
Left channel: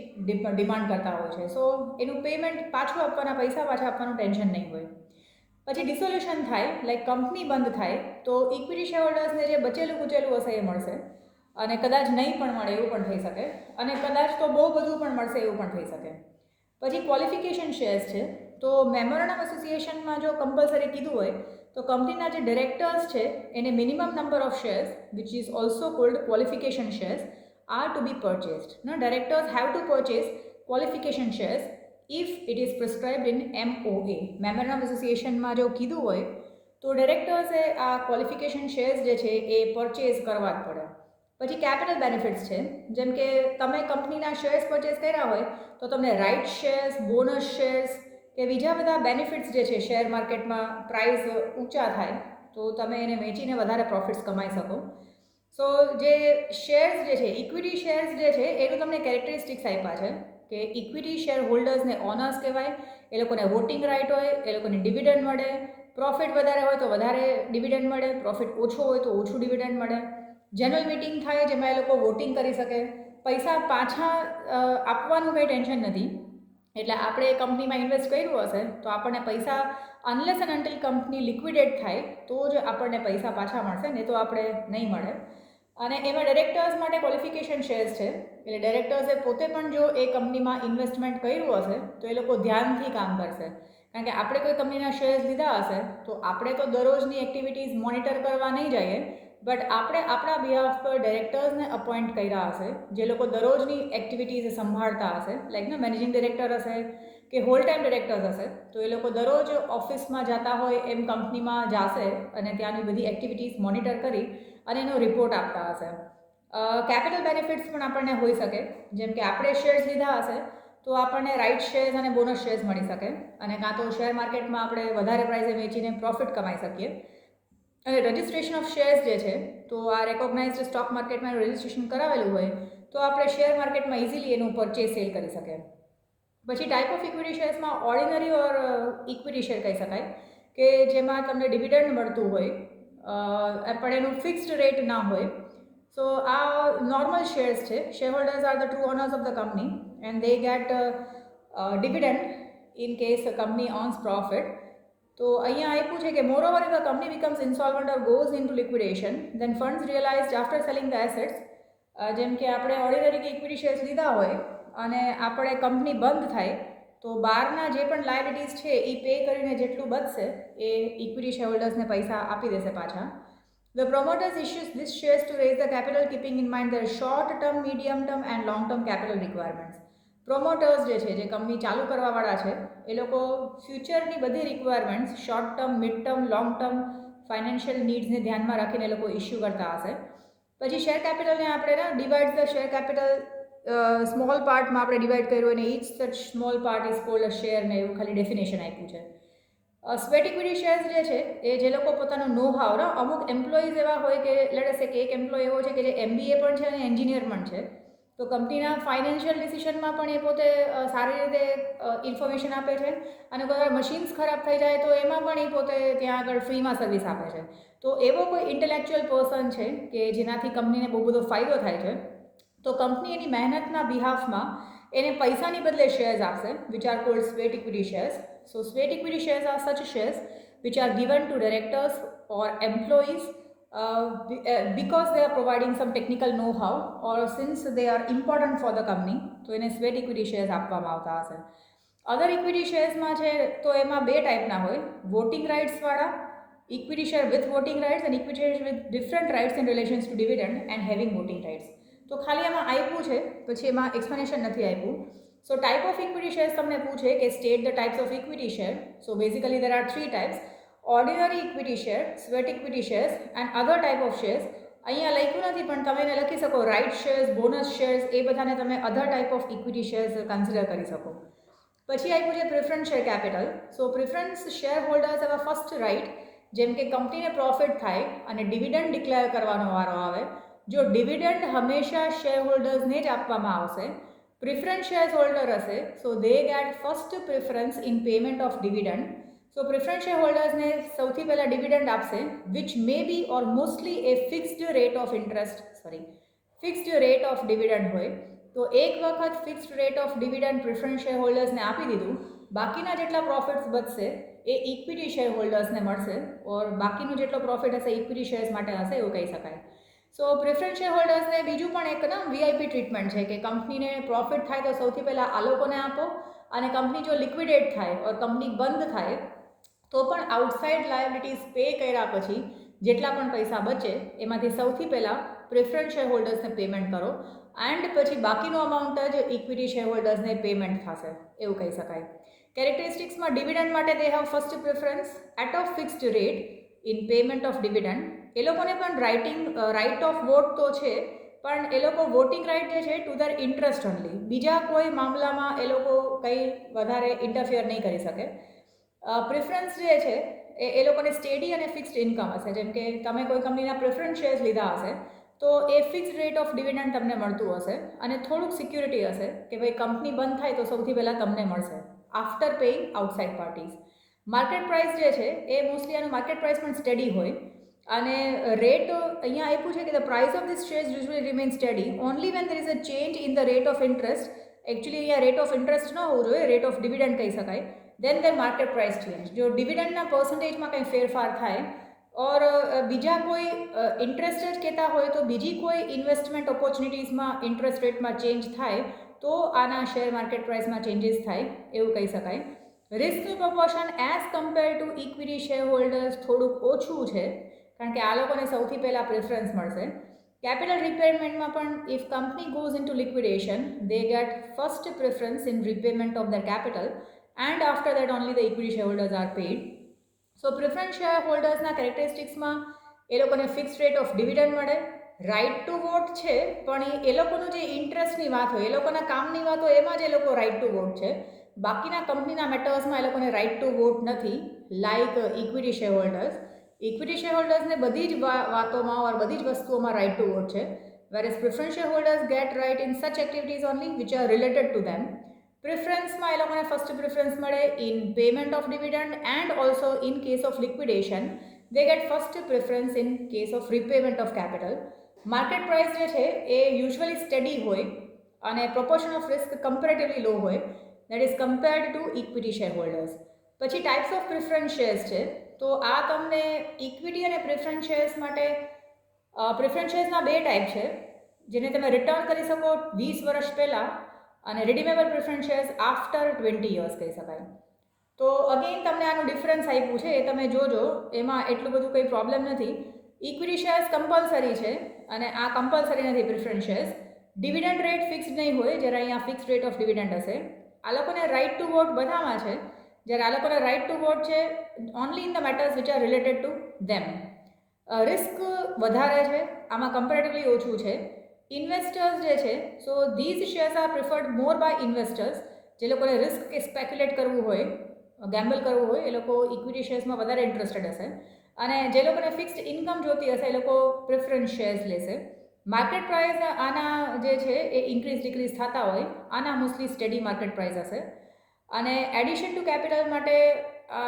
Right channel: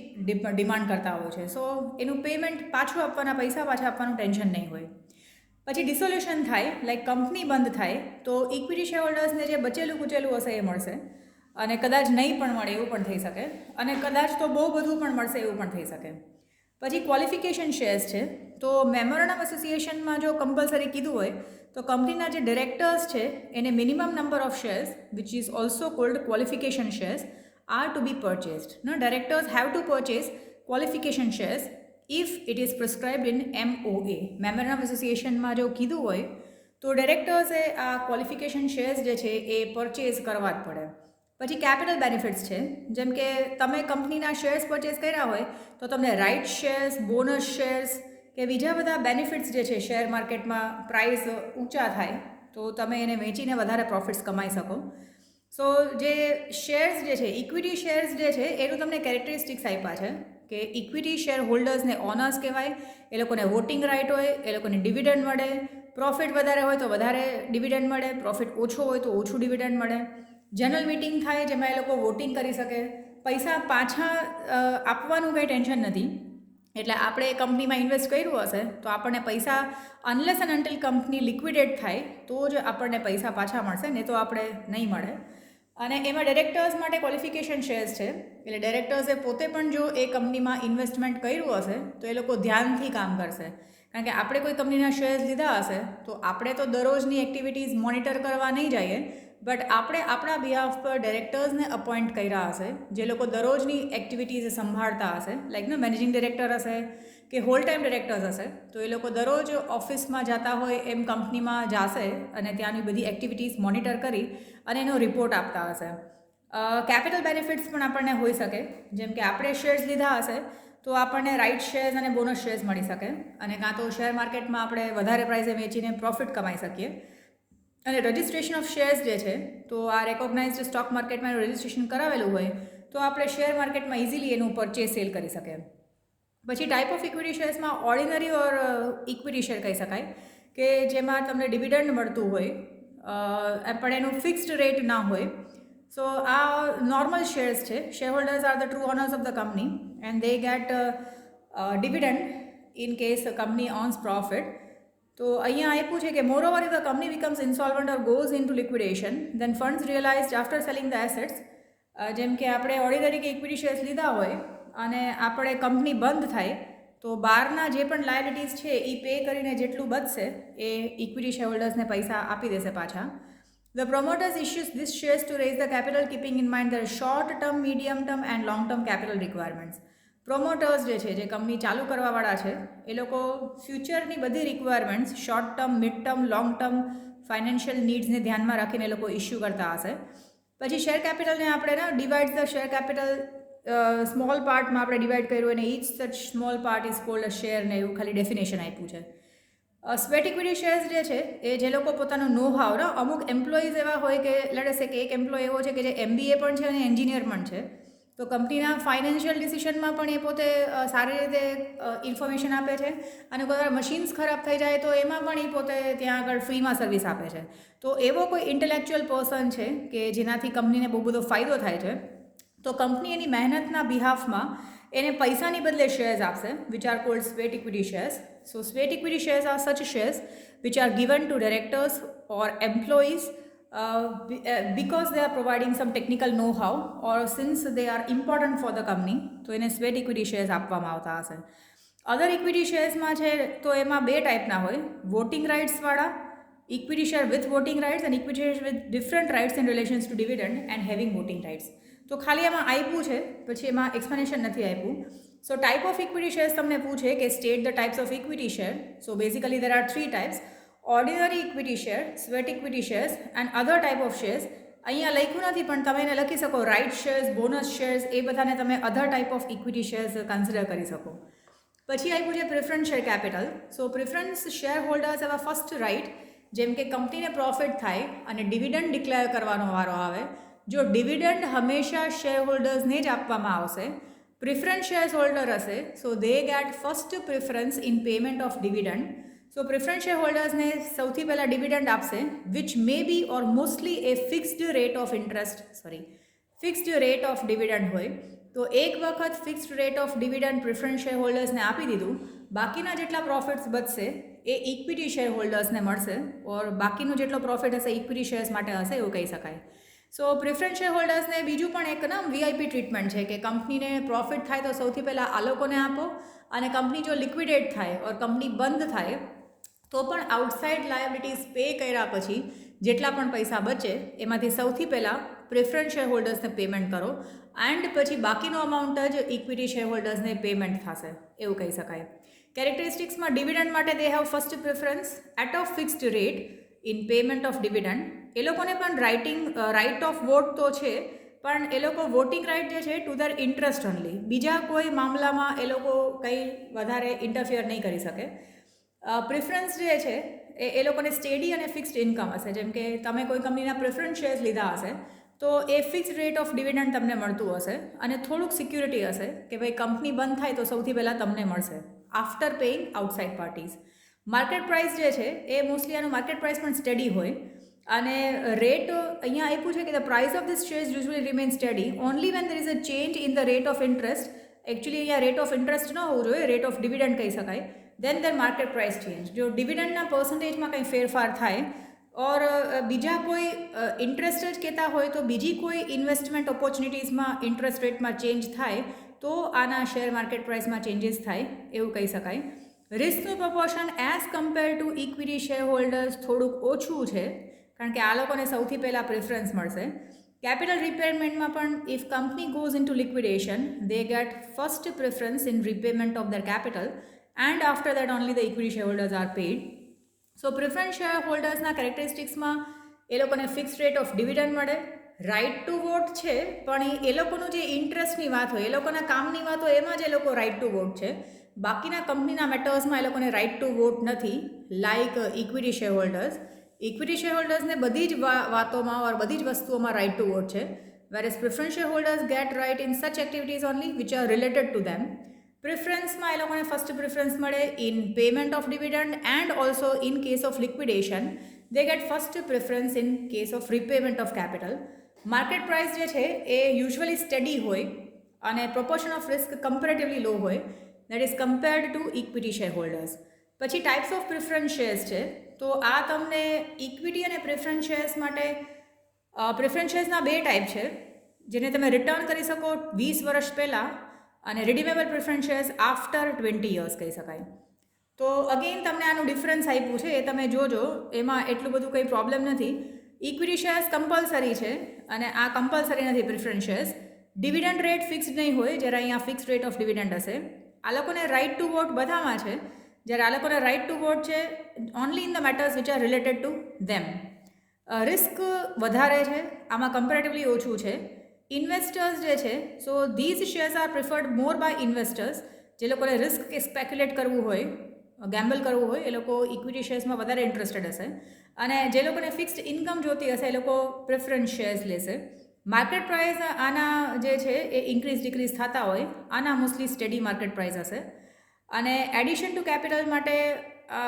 ડિમાન્ડ કરતા હોય છે. સો એનું પેમેન્ટ પાછું આપવાના, પૈસા પાછા આપવાનું ટેન્શન નહીં હોય. પછી ડિસોલ્યુશન થાય, લાઈક કંપની બંધ થાય તો ઇક્વિટી શેર હોલ્ડર્સને જે બચેલું કૂચેલું હશે એ મળશે, અને કદાચ નહીં પણ મળે એવું પણ થઈ શકે, અને કદાચ તો બહુ બધું પણ મળશે એવું પણ થઈ શકે. પછી ક્વોલિફિકેશન શેર્સ છે. તો મેમોરેન્ડમ એસોસિએશનમાં જો કમ્પલસરી કીધું હોય તો કંપનીના જે ડિરેક્ટર્સ છે એને minimum number of shares which is also called qualification shares are to be purchased. Directors have to purchase qualification shares if it is prescribed in MOA. Memorandum એસોસિએશનમાં જો કીધું હોય તો ડિરેક્ટર્સે આ ક્વોલિફિકેશન શેર્સ જે છે એ પરચેઝ કરવા જ પડે. પછી કેપિટલ બેનિફિટ્સ છે, જેમ કે તમે કંપનીના શેર્સ પરચેસ કર્યા હોય તો તમને રાઇટ શેર્સ, બોનસ શેર્સ કે બીજા બધા બેનિફિટ્સ જે છે શેર માર્કેટમાં પ્રાઇસ ઊંચા થાય તો તમે એને વેચીને વધારે પ્રોફિટ્સ કમાઈ શકો. સો જે શેર્સ જે છે, ઇક્વિટી શેર્સ જે છે એનું તમને કેરેક્ટરિસ્ટિક્સ આપ્યા છે કે ઇક્વિટી શેર હોલ્ડર્સને ઓનર્સ કહેવાય, એ લોકોને વોટિંગ રાઇટ હોય, એ લોકોને ડિવિડન્ડ મળે, પ્રોફિટ વધારે હોય તો વધારે ડિવિડન્ડ મળે, પ્રોફિટ ઓછો હોય તો ઓછું ડિવિડન્ડ મળે. જનરલ મિટિંગ થાય જેમાં એ લોકો વોટિંગ કરી શકે. પૈસા પાછા આપવાનું કંઈ ટેન્શન નથી. એટલે આપણે એ કંપનીમાં ઇન્વેસ્ટ કર્યું હશે તો આપણને પૈસા અનલેસ એન્ડ અન્ટિલ કંપની લિક્વિડેટ થાય તો જ આપણને પૈસા પાછા મળશે, નહીં તો આપણે નહીં મળે. અને એમાં ડિરેક્ટર્સ માટે ક્વોલિફિકેશન શેર્સ છે, એટલે ડિરેક્ટર્સે પોતે પણ જો એ કંપનીમાં ઇન્વેસ્ટમેન્ટ કર્યું હશે તો એ લોકો ધ્યાનથી કામ કરશે. કારણ કે આપણે કોઈ કંપનીના શેર્સ લીધા હશે તો આપણે તો દરરોજની એક્ટિવિટીઝ મોનિટર કરવા નહીં જઈએ, બટ આપણે આપણા બિહાફ પર ડિરેક્ટર્સને અપોઇન્ટ કર્યા હશે જે લોકો દરરોજની એક્ટિવિટીઝ સંભાળતા હશે, લાઈક મેનેજિંગ ડિરેક્ટર હશે કે હોલ ટાઈમ ડિરેક્ટર્સ હશે. તો એ લોકો દરરોજ ઓફિસમાં જતા હોય એમ કંપનીમાં જશે અને ત્યાંની બધી એક્ટિવિટીઝ મોનિટર કરી અને એનો રિપોર્ટ આપતા હશે. કેપિટલ બેનિફિટ્સ પણ આપણને હોઈ શકે, જેમ કે આપણે શેર્સ લીધા હશે તો આપણને રાઇટ શેર્સ અને બોનસ શેર્સ મળી શકે, અને કાં તો શેર માર્કેટમાં આપણે વધારે પ્રાઇસે વેચીને પ્રોફિટ કમાઈ શકીએ. અને રજિસ્ટ્રેશન ઓફ શેર્સ જે છે તો આ રેકોગ્નાઇઝડ સ્ટોક માર્કેટમાં રજિસ્ટ્રેશન કરાવેલું હોય તો આપણે શેર માર્કેટમાં ઇઝીલી એનું પરચેસ સેલ કરી શકીએ. પછી ટાઈપ ઓફ ઇક્વિટી શેર્સમાં ઓર્ડિનરી ઓર ઇક્વિટી શેર કહી શકાય કે જેમાં તમને ડિવિડન્ડ મળતું હોય પણ એનું ફિક્સ્ડ રેટ ના હોય. સો આ નોર્મલ શેર્સ છે. Shareholders are the true owners of the company and they get dividend in case company owns profit. તો અહીંયા આપ્યું છે કે moreover if the company becomes insolvent or goes in two liquidation then funds realised after selling the assets. જેમ કે આપણે ordinary કે equity shares લીધા હોય અને આપણે કંપની બંધ થાય તો બહારના જે પણ લાયબિલિટીઝ છે એ પે કરીને જેટલું બચશે એ ઇક્વિટી શેર હોલ્ડર્સને પૈસા આપી દેશે પાછા. The promoters issues this shares to raise the capital keeping in mind their short term, medium term and long term capital requirements. પ્રોમોટર્સ જે છે જે કંપની ચાલુ કરવાવાળા છે એ લોકો ફ્યુચરની બધી requirements short term, mid term, long term financial નીડ્સને ધ્યાનમાં રાખીને એ લોકો ઇસ્યુ કરતા હશે. પછી શેર કેપિટલને આપણે divide the share capital small પાર્ટમાં આપણે ડિવાઈડ કર્યું અને each such small part is called a share ને એવું ખાલી ડેફિનેશન આપ્યું છે. સ્વેટ ઇક્વિટી શેર્સ જે છે એ જે લોકો પોતાનો નો હાવ અમુક એમ્પ્લોઈઝ એવા હોય કે લેટ્સ સે કે એક એમ્પ્લોય એવો છે કે જે MBA પણ છે અને એન્જિનિયર પણ છે. તો કંપનીના ફાઇનાન્શિયલ ડિસિઝનમાં પણ એ પોતે સારી રીતે ઇન્ફોર્મેશન આપે છે અને કોઈ વાર મશીન્સ ખરાબ થઈ જાય તો એમાં પણ એ પોતે ત્યાં આગળ ફ્રીમાં સર્વિસ આપે છે. તો એવો કોઈ ઇન્ટેલેક્ચ્યુઅલ પર્સન છે કે જેનાથી કંપનીને બહુ બધો ફાયદો થાય છે તો કંપની એની મહેનતના બિહાફમાં એને પૈસાની બદલે શેર્સ આપશે which are called sweat equity shares. So sweat equity shares are such shares which are given to directors or employees because they are providing some technical know-how or since they are important for the company તો એને sweat equity shares આપવામાં આવતા હશે. અધર equity શેર્સમાં છે તો એમાં બે ટાઈપના હોય, વોટિંગ રાઇટ્સવાળા equity share with voting rights and equity share with different rights in relations to dividend and having voting rights. તો ખાલી એમાં આપ્યું છે પછી એમાં એક્સપ્લેનેશન નથી આપ્યું. So type of equity shares તમને પૂછે કે state the types of equity share. So basically there are 3 types: ordinary equity share, sweat equity shares and other type of shares. અહીંયા લખ્યું નથી પણ તમે એને લખી શકો રાઇટ શેર્સ, બોનસ શેર્સ, એ બધાને તમે other type of equity shares consider કરી શકો. પછી આપ્યું છે preference share capital. So preference shareholders એવા ફર્સ્ટ રાઇટ જેમ કે કંપનીને પ્રોફિટ થાય અને ડિવિડન્ડ ડિક્લેર કરવાનો વારો આવે. જો ડિવિડન્ડ હંમેશા શેર હોલ્ડર્સને જ આપવામાં આવશે. પ્રિફરન્સ શેર હોલ્ડર હશે so they get first preference in payment of dividend. So preference share હોલ્ડર્સને સૌથી પહેલાં ડિવિડન્ડ આપશે which may be or mostly a fixed rate of fixed rate of dividend હોય. તો એક વખત fixed rate of dividend preference share હોલ્ડર્સને આપી દીધું, બાકીના જેટલા પ્રોફિટ્સ બચશે એ ઇક્વિટી શેર હોલ્ડર્સને મળશે ઓર બાકીનો જેટલો પ્રોફિટ હશે ઇક્વિટી શેર્સ માટે હશે એવું કહી શકાય. સો પ્રિફરન્સ શેર હોલ્ડર્સને બીજું પણ એક VIP ટ્રીટમેન્ટ છે કે કંપનીને પ્રોફિટ થાય તો સૌથી પહેલાં આ લોકોને આપો અને કંપની જો લિક્વિડેટ થાય ઓર કંપની બંધ થાય તો પણ આઉટસાઇડ લાયબિલિટીઝ પે કર્યા પછી જેટલા પણ પૈસા બચે એમાંથી સૌથી પહેલાં પ્રિફરન્સ શેર હોલ્ડર્સને પેમેન્ટ કરો એન્ડ પછી બાકીનો અમાઉન્ટ જ ઇક્વિટી શેર હોલ્ડર્સને પેમેન્ટ થશે એવું કહી શકાય. કેરેક્ટરિસ્ટિક્સમાં ડિવિડન્ડ માટે they have first preference at a fixed rate in payment of dividend. એ લોકોને પણ રાઇટ ઓફ વોટ તો છે પણ એ લોકો વોટિંગ રાઇટ જે છે ટુ ધર ઇન્ટરેસ્ટ ઓનલી, બીજા કોઈ મામલામાં એ લોકો કંઈ વધારે ઇન્ટરફિયર નહીં કરી શકે. પ્રિફરન્સ જે છે એ લોકોને સ્ટેડી અને ફિક્સ્ડ ઇન્કમ હશે. જેમ કે તમે કોઈ કંપનીના પ્રિફરન્સ શેર્સ લીધા હશે તો એ ફિક્સ્ડ રેટ ઓફ ડિવિડન્ડ તમને મળતું હશે અને થોડુંક સિક્યુરિટી હશે કે ભાઈ કંપની બંધ થાય તો સૌથી પહેલાં તમને મળશે after paying outside parties. Market price જે છે એ મોસ્ટલી આનું માર્કેટ પ્રાઇસ પણ સ્ટડી હોય અને રેટ અહીંયા આપ્યું છે કે the price of this shares usually remain study only van there is a change in the rate of interest. Actually અહીંયા રેટ ઓફ ઇન્ટરેસ્ટ ન હોવું જોઈએ, રેટ ઓફ ડિવિડન્ડ કહી શકાય. દેન ધ માર્કેટ પ્રાઇસ ચેન્જ. જો ડિવિડન્ડના પર્સન્ટેજમાં કંઈ ફેરફાર થાય ઓર બીજા કોઈ ઇન્ટરેસ્ટ જ કહેતા હોય તો બીજી કોઈ ઇન્વેસ્ટમેન્ટ ઓપોર્ચ્યુનિટીઝમાં ઇન્ટરેસ્ટ રેટમાં ચેન્જ થાય તો આના શેર માર્કેટ પ્રાઇસમાં ચેન્જીસ થાય એવું કહી શકાય. રિસ્કનું proportion as compare to equity shareholders થોડુંક ઓછું છે કારણ કે આ લોકોને સૌથી પહેલાં પ્રેફરન્સ મળશે. કેપિટલ રિપેરમેન્ટમાં પણ if company goes in two liquidation they get first preference in repayment of their capital and after that only the equity shareholders are paid. So preference share હોલ્ડર્સના કેરેક્ટરિસ્ટિક્સમાં એ લોકોને ફિક્સ રેટ ઓફ ડિવિડન્ડ મળે, right to vote છે પણ એ લોકોનું જે ઇન્ટરેસ્ટની વાત હોય એ લોકોના કામની વાત હોય એમાં જ એ લોકો રાઇટ ટુ વોટ છે. બાકીના કંપનીના મેટર્સમાં એ લોકોને રાઇટ ટુ વોટ નથી like equity shareholders. Equity share હોલ્ડર્સને બધી જ વાતોમાં ઓર બધી જ વસ્તુઓમાં રાઇટ ટુ વોટ છે, whereas preference shareholders get right in such activities only which are related to them. પ્રેફરન્સમાં એ લોકોને ફર્સ્ટ પ્રેફરન્સ મળે in payment of dividend and also in case of liquidation they get first preference in case of repayment of capital. Market price જે છે એ usually steady હોય અને proportion of risk comparatively low હોય, that is compared to equity shareholders. પછી types of preference shares છે, તો આ તમને ઇક્વિટી અને પ્રેફરન્સ શેર્સ માટે પ્રેફરન્સ શેર્સના બે ટાઈપ છે જેને તમે રિટર્ન કરી શકો 20 વર્ષ પહેલાં, અને redeemable preference shares after 20 years કહી શકાય. તો અગેઇન તમને આનું ડિફરન્સ આપ્યું છે, એ તમે જોજો, એમાં એટલું બધું કંઈ પ્રોબ્લેમ નથી. ઇક્વિટી શેર્સ કમ્પલસરી છે અને આ કમ્પલસરી નથી preference shares. Dividend rate fixed નહીં હોય, જ્યારે અહીંયા ફિક્સ્ડ રેટ ઓફ ડિવિડન્ડ હશે. આ લોકોને રાઇટ ટુ વોટ બધામાં છે, જ્યારે આ લોકોને રાઇટ ટુ વોટ છે only in the matters which are related to them. Risk વધારે છે આમાં, કમ્પેરેટિવલી ઓછું છે. ઇન્વેસ્ટર્સ જે છે, so these shares are preferred more by investors. જે લોકોને રિસ્ક કે સ્પેક્યુલેટ કરવું હોય, ગેમ્બલ કરવું હોય, એ લોકો ઇક્વિટી શેર્સમાં વધારે ઇન્ટરેસ્ટેડ હશે. અને જે લોકોને ફિક્સ્ડ ઇન્કમ જોતી હશે એ લોકો પ્રેફરન્સ શેર્સ લેશે. માર્કેટ પ્રાઇસ આના જે છે એ ઇન્ક્રીઝ ડિક્રીઝ થતા હોય, આના મોસ્ટલી સ્ટેડી માર્કેટ પ્રાઇસ હશે. અને એડિશન ટુ કેપિટલ માટે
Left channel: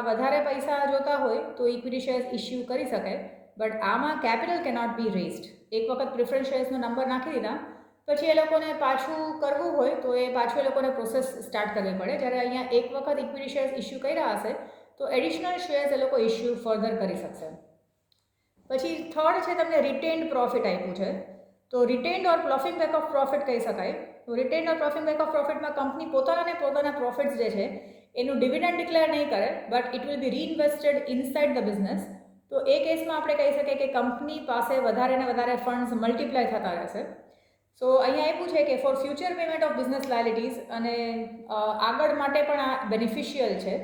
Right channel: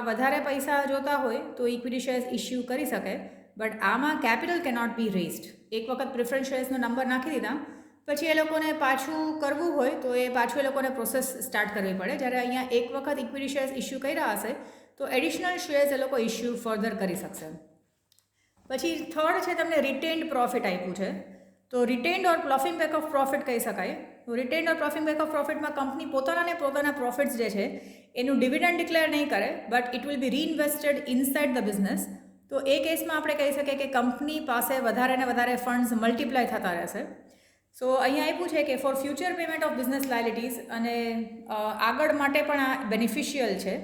વધારે પૈસા જોતા હોય તો ઇક્વિટી શેર્સ ઇસ્યુ કરી શકે, બટ આમાં કેપિટલ કેનોટ બી રેઝડ. એક વખત પ્રેફરન્સ શેર્સનો નંબર નાખી દીધા પછી એ લોકોને પાછું કરવું હોય તો એ પાછું એ લોકોને પ્રોસેસ સ્ટાર્ટ કરવી પડે. જ્યારે અહીંયા એક વખત ઇક્વિટી શેર્સ ઇસ્યુ કર્યા હશે તો એડિશનલ શેર્સ એ લોકો ઇસ્યુ ફર્ધર કરી શકશે. પછી થર્ડ છે તમને રિટેન્ડ પ્રોફિટ આપ્યું છે, તો retained or ploughing back of profit કહી શકાય. તો retained or ploughing back of પ્રોફિટમાં કંપની પોતાના પ્રોફિટ્સ જે છે એનું ડિવિડન્ડ ડિક્લેર નહીં કરે, but it will be reinvested inside the business. તો એ કેસમાં આપણે કહી શકીએ કે કંપની પાસે વધારે ને વધારે ફંડ્સ મલ્ટીપ્લાય થતા રહેશે. સો અહીંયા આપ્યું છે કે four future payment of business liabilities, અને આગળ માટે પણ આ બેનિફિશિયલ છે.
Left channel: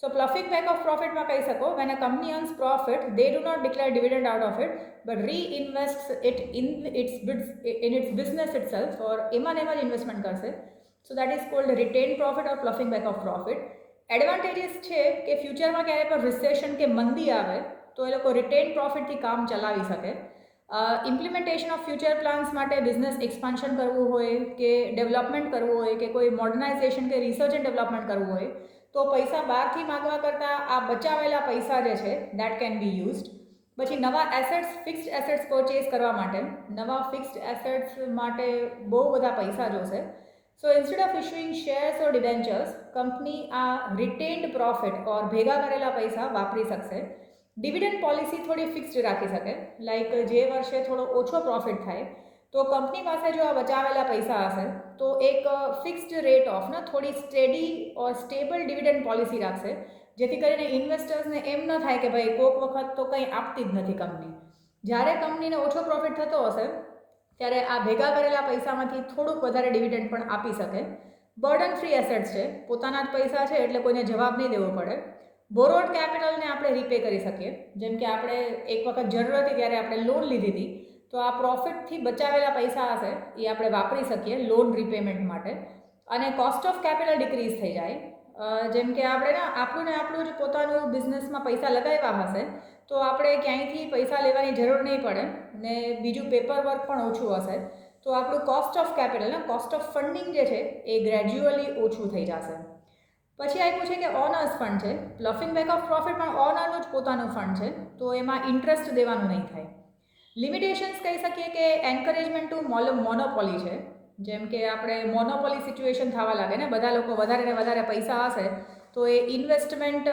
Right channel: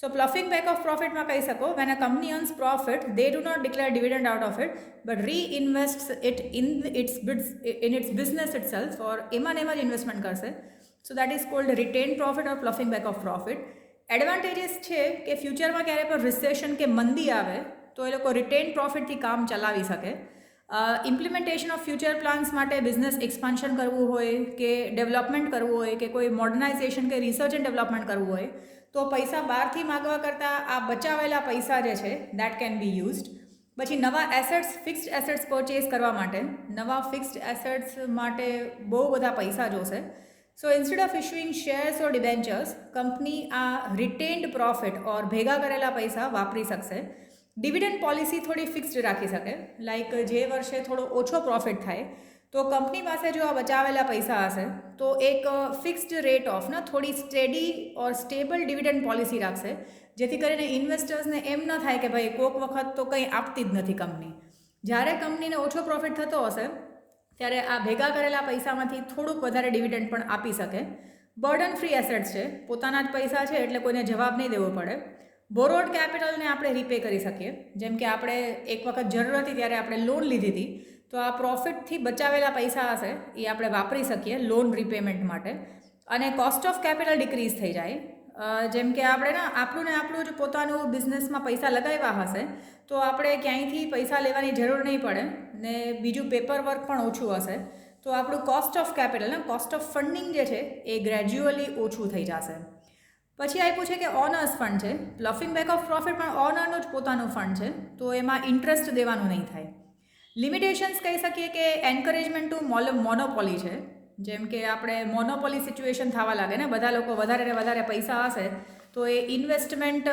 સો પ્લફિંગ બેક ઓફ પ્રોફિટમાં કહી શકો when a company earns profit they do not declare dividend out of it but reinvest it in its business itself, or એમાં જ ઇન્વેસ્ટમેન્ટ કરશે. So that is called retain profit or ploughing back of profit. Advantages છે કે ફ્યુચરમાં ક્યારેય પણ recession કે મંદી આવે તો એ લોકો રિટેન પ્રોફિટથી કામ ચલાવી શકે. ઇમ્પ્લિમેન્ટેશન ઓફ ફ્યુચર પ્લાન્સ માટે બિઝનેસ એક્સપાન્શન કરવું હોય કે ડેવલપમેન્ટ કરવું હોય કે કોઈ મોડર્નાઇઝેશન કે રિસર્ચ એન્ડ ડેવલપમેન્ટ કરવું હોય તો પૈસા બહારથી માગવા કરતાં આ બચાવેલા પૈસા જે છે દેટ કેન બી યુઝડ. પછી નવા એસેટ્સ, ફિક્સ્ડ એસેટ્સ પરચેઝ કરવા માટે, નવા ફિક્સ્ડ એસેટ્સ માટે બહુ બધા પૈસા જોશે. So instead of issuing shares or debentures, company આ રિટેન્ડ પ્રોફિટ ઓર ભેગા કરેલા પૈસા વાપરી શકશે. ડિવિડન્ડ પોલિસી થોડી ફિક્સ્ડ રાખી શકે, લાઈક જે વર્ષે થોડો ઓછો પ્રોફિટ થાય તો કંપની પાસે જો આ બચાવેલા પૈસા હશે તો એક ફિક્સ્ડ રેટ ઓફ થોડી સ્ટેડી ઓર સ્ટેબલ ડિવિડન્ડ પોલિસી રાખશે, જેથી કરીને ઇન્વેસ્ટર્સને એમ ન થાય કે ભાઈ કોઈક વખત તો કંઈ આપતી જ નથી કંપની. જ્યારે કંપનીને ઓછો પ્રોફિટ થતો હશે ત્યારે આ ભેગા કરેલા પૈસામાંથી થોડુંક વધારે ડિવિડન્ડ પણ આપી શકે. બર્ડન ફ્રી એસેટ્સ છે, પોતાના જ પૈસા છે એટલે કોઈને જવાબ નહીં દેવો પડે. બોરોડ કેપિટલને આપણે રીપે કરી શકીએ, જેમ કે આપણે એક વખત જરૂર હતી ત્યારે આપણે લોન લીધી હતી તો આ પ્રોફિટથી બચાવેલા પૈસા હશે એ આપણે વાપરી શકીએ લોન રીપેમેન્ટ માટે. અને કોસ્ટ ઓફ કેપિટલ ડિક્રીઝ થઈ જાય, જેમ કે આપણે આપણું જ પોતાનું બિઝનેસમાં પૈસા લગાવ્યા હશે તો આપણે ક્યાંયથી પૈસા લેવાની જરૂર નહીં પડે ને બીજું પેપર વર્ક પણ ઓછું હશે, તો આપણું cost of capital cost of funding જે છે એ ગ્રેજ્યુઅલી ઓછું થઈ જશે. પછી આપ્યું છે કે ઓનર્સ ફંડ છે, પ્લફિંગ બેક ઓફ પ્રોફિટ પણ ઓનરનું જ પોતાનું ફંડ છે તો એમાં ઇન્ટરેસ્ટ દેવાનું નહીં થાય. લિમિટેશન્સ કહી શકીએ કે એન્કરેજમેન્ટ ટુ મોનોપોલી છે, જેમ કે આપણે મોનોપોલી સિચ્યુએશન થવા લાગે ને, બધા લોકો વધારે ને વધારે પૈસા હશે તો એ ઇન્વેસ્ટમેન્ટ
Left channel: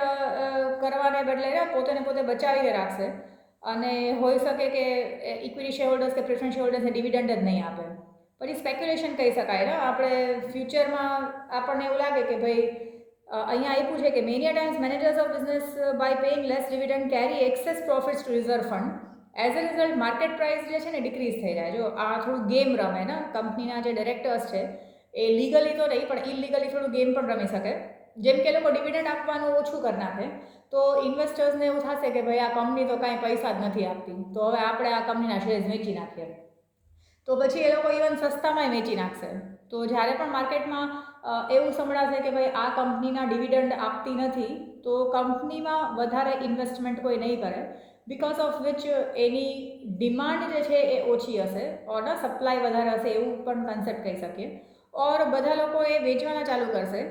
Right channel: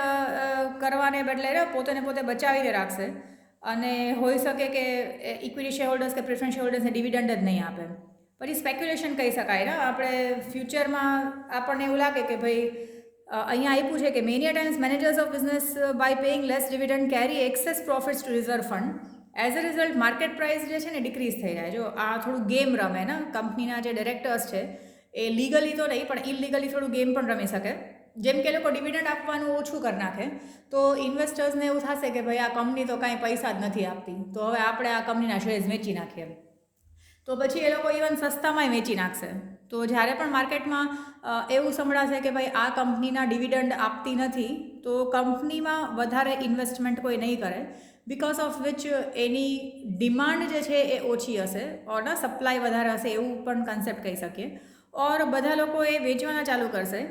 કરવાને બદલે પોતે બચાવીને રાખશે અને હોઈ શકે કે ઇક્વિટી શેર હોલ્ડર્સ કે પ્રેફરન્સ શેર હોલ્ડર્સને ડિવિડન્ડ જ નહીં આપે. પછી સ્પેક્યુલેશન કહી શકાય ને, આપણે ફ્યુચરમાં આપણને એવું લાગે કે ભાઈ અહીંયા આપ્યું છે કે many times managers of business by paying less dividend carry excess profits to reserve fund. As a result market price જે છે ને ડિક્રીઝ થઈ જાય. જો આ થોડું ગેમ રમે ને, કંપનીના જે ડિરેક્ટર્સ છે એ લીગલી તો નહીં પણ ઇલીગલી થોડું ગેમ પણ રમી શકે. જેમ કે લોકો ડિવિડન્ડ આપવાનું ઓછું કરી નાખે તો ઇન્વેસ્ટર્સને એવું થશે કે ભાઈ આ કંપની તો કાંઈ પૈસા જ નથી આપતી તો હવે આપણે આ કંપનીના શેર્સ વેચી નાખીએ, તો પછી એ લોકો ઇવન સસ્તામાંય વેચી નાખશે. તો જ્યારે પણ માર્કેટમાં એવું સંભળાશે કે ભાઈ આ કંપનીના ડિવિડન્ડ આપતી નથી તો કંપનીમાં વધારે ઇન્વેસ્ટમેન્ટ કોઈ નહીં કરે, because of which any demand જે છે એ ઓછી હશે ઓર સપ્લાય વધારે હશે એવું પણ કન્સેપ્ટ કહી શકીએ. ઓર બધા લોકો એ વેચવાના ચાલુ કરશે.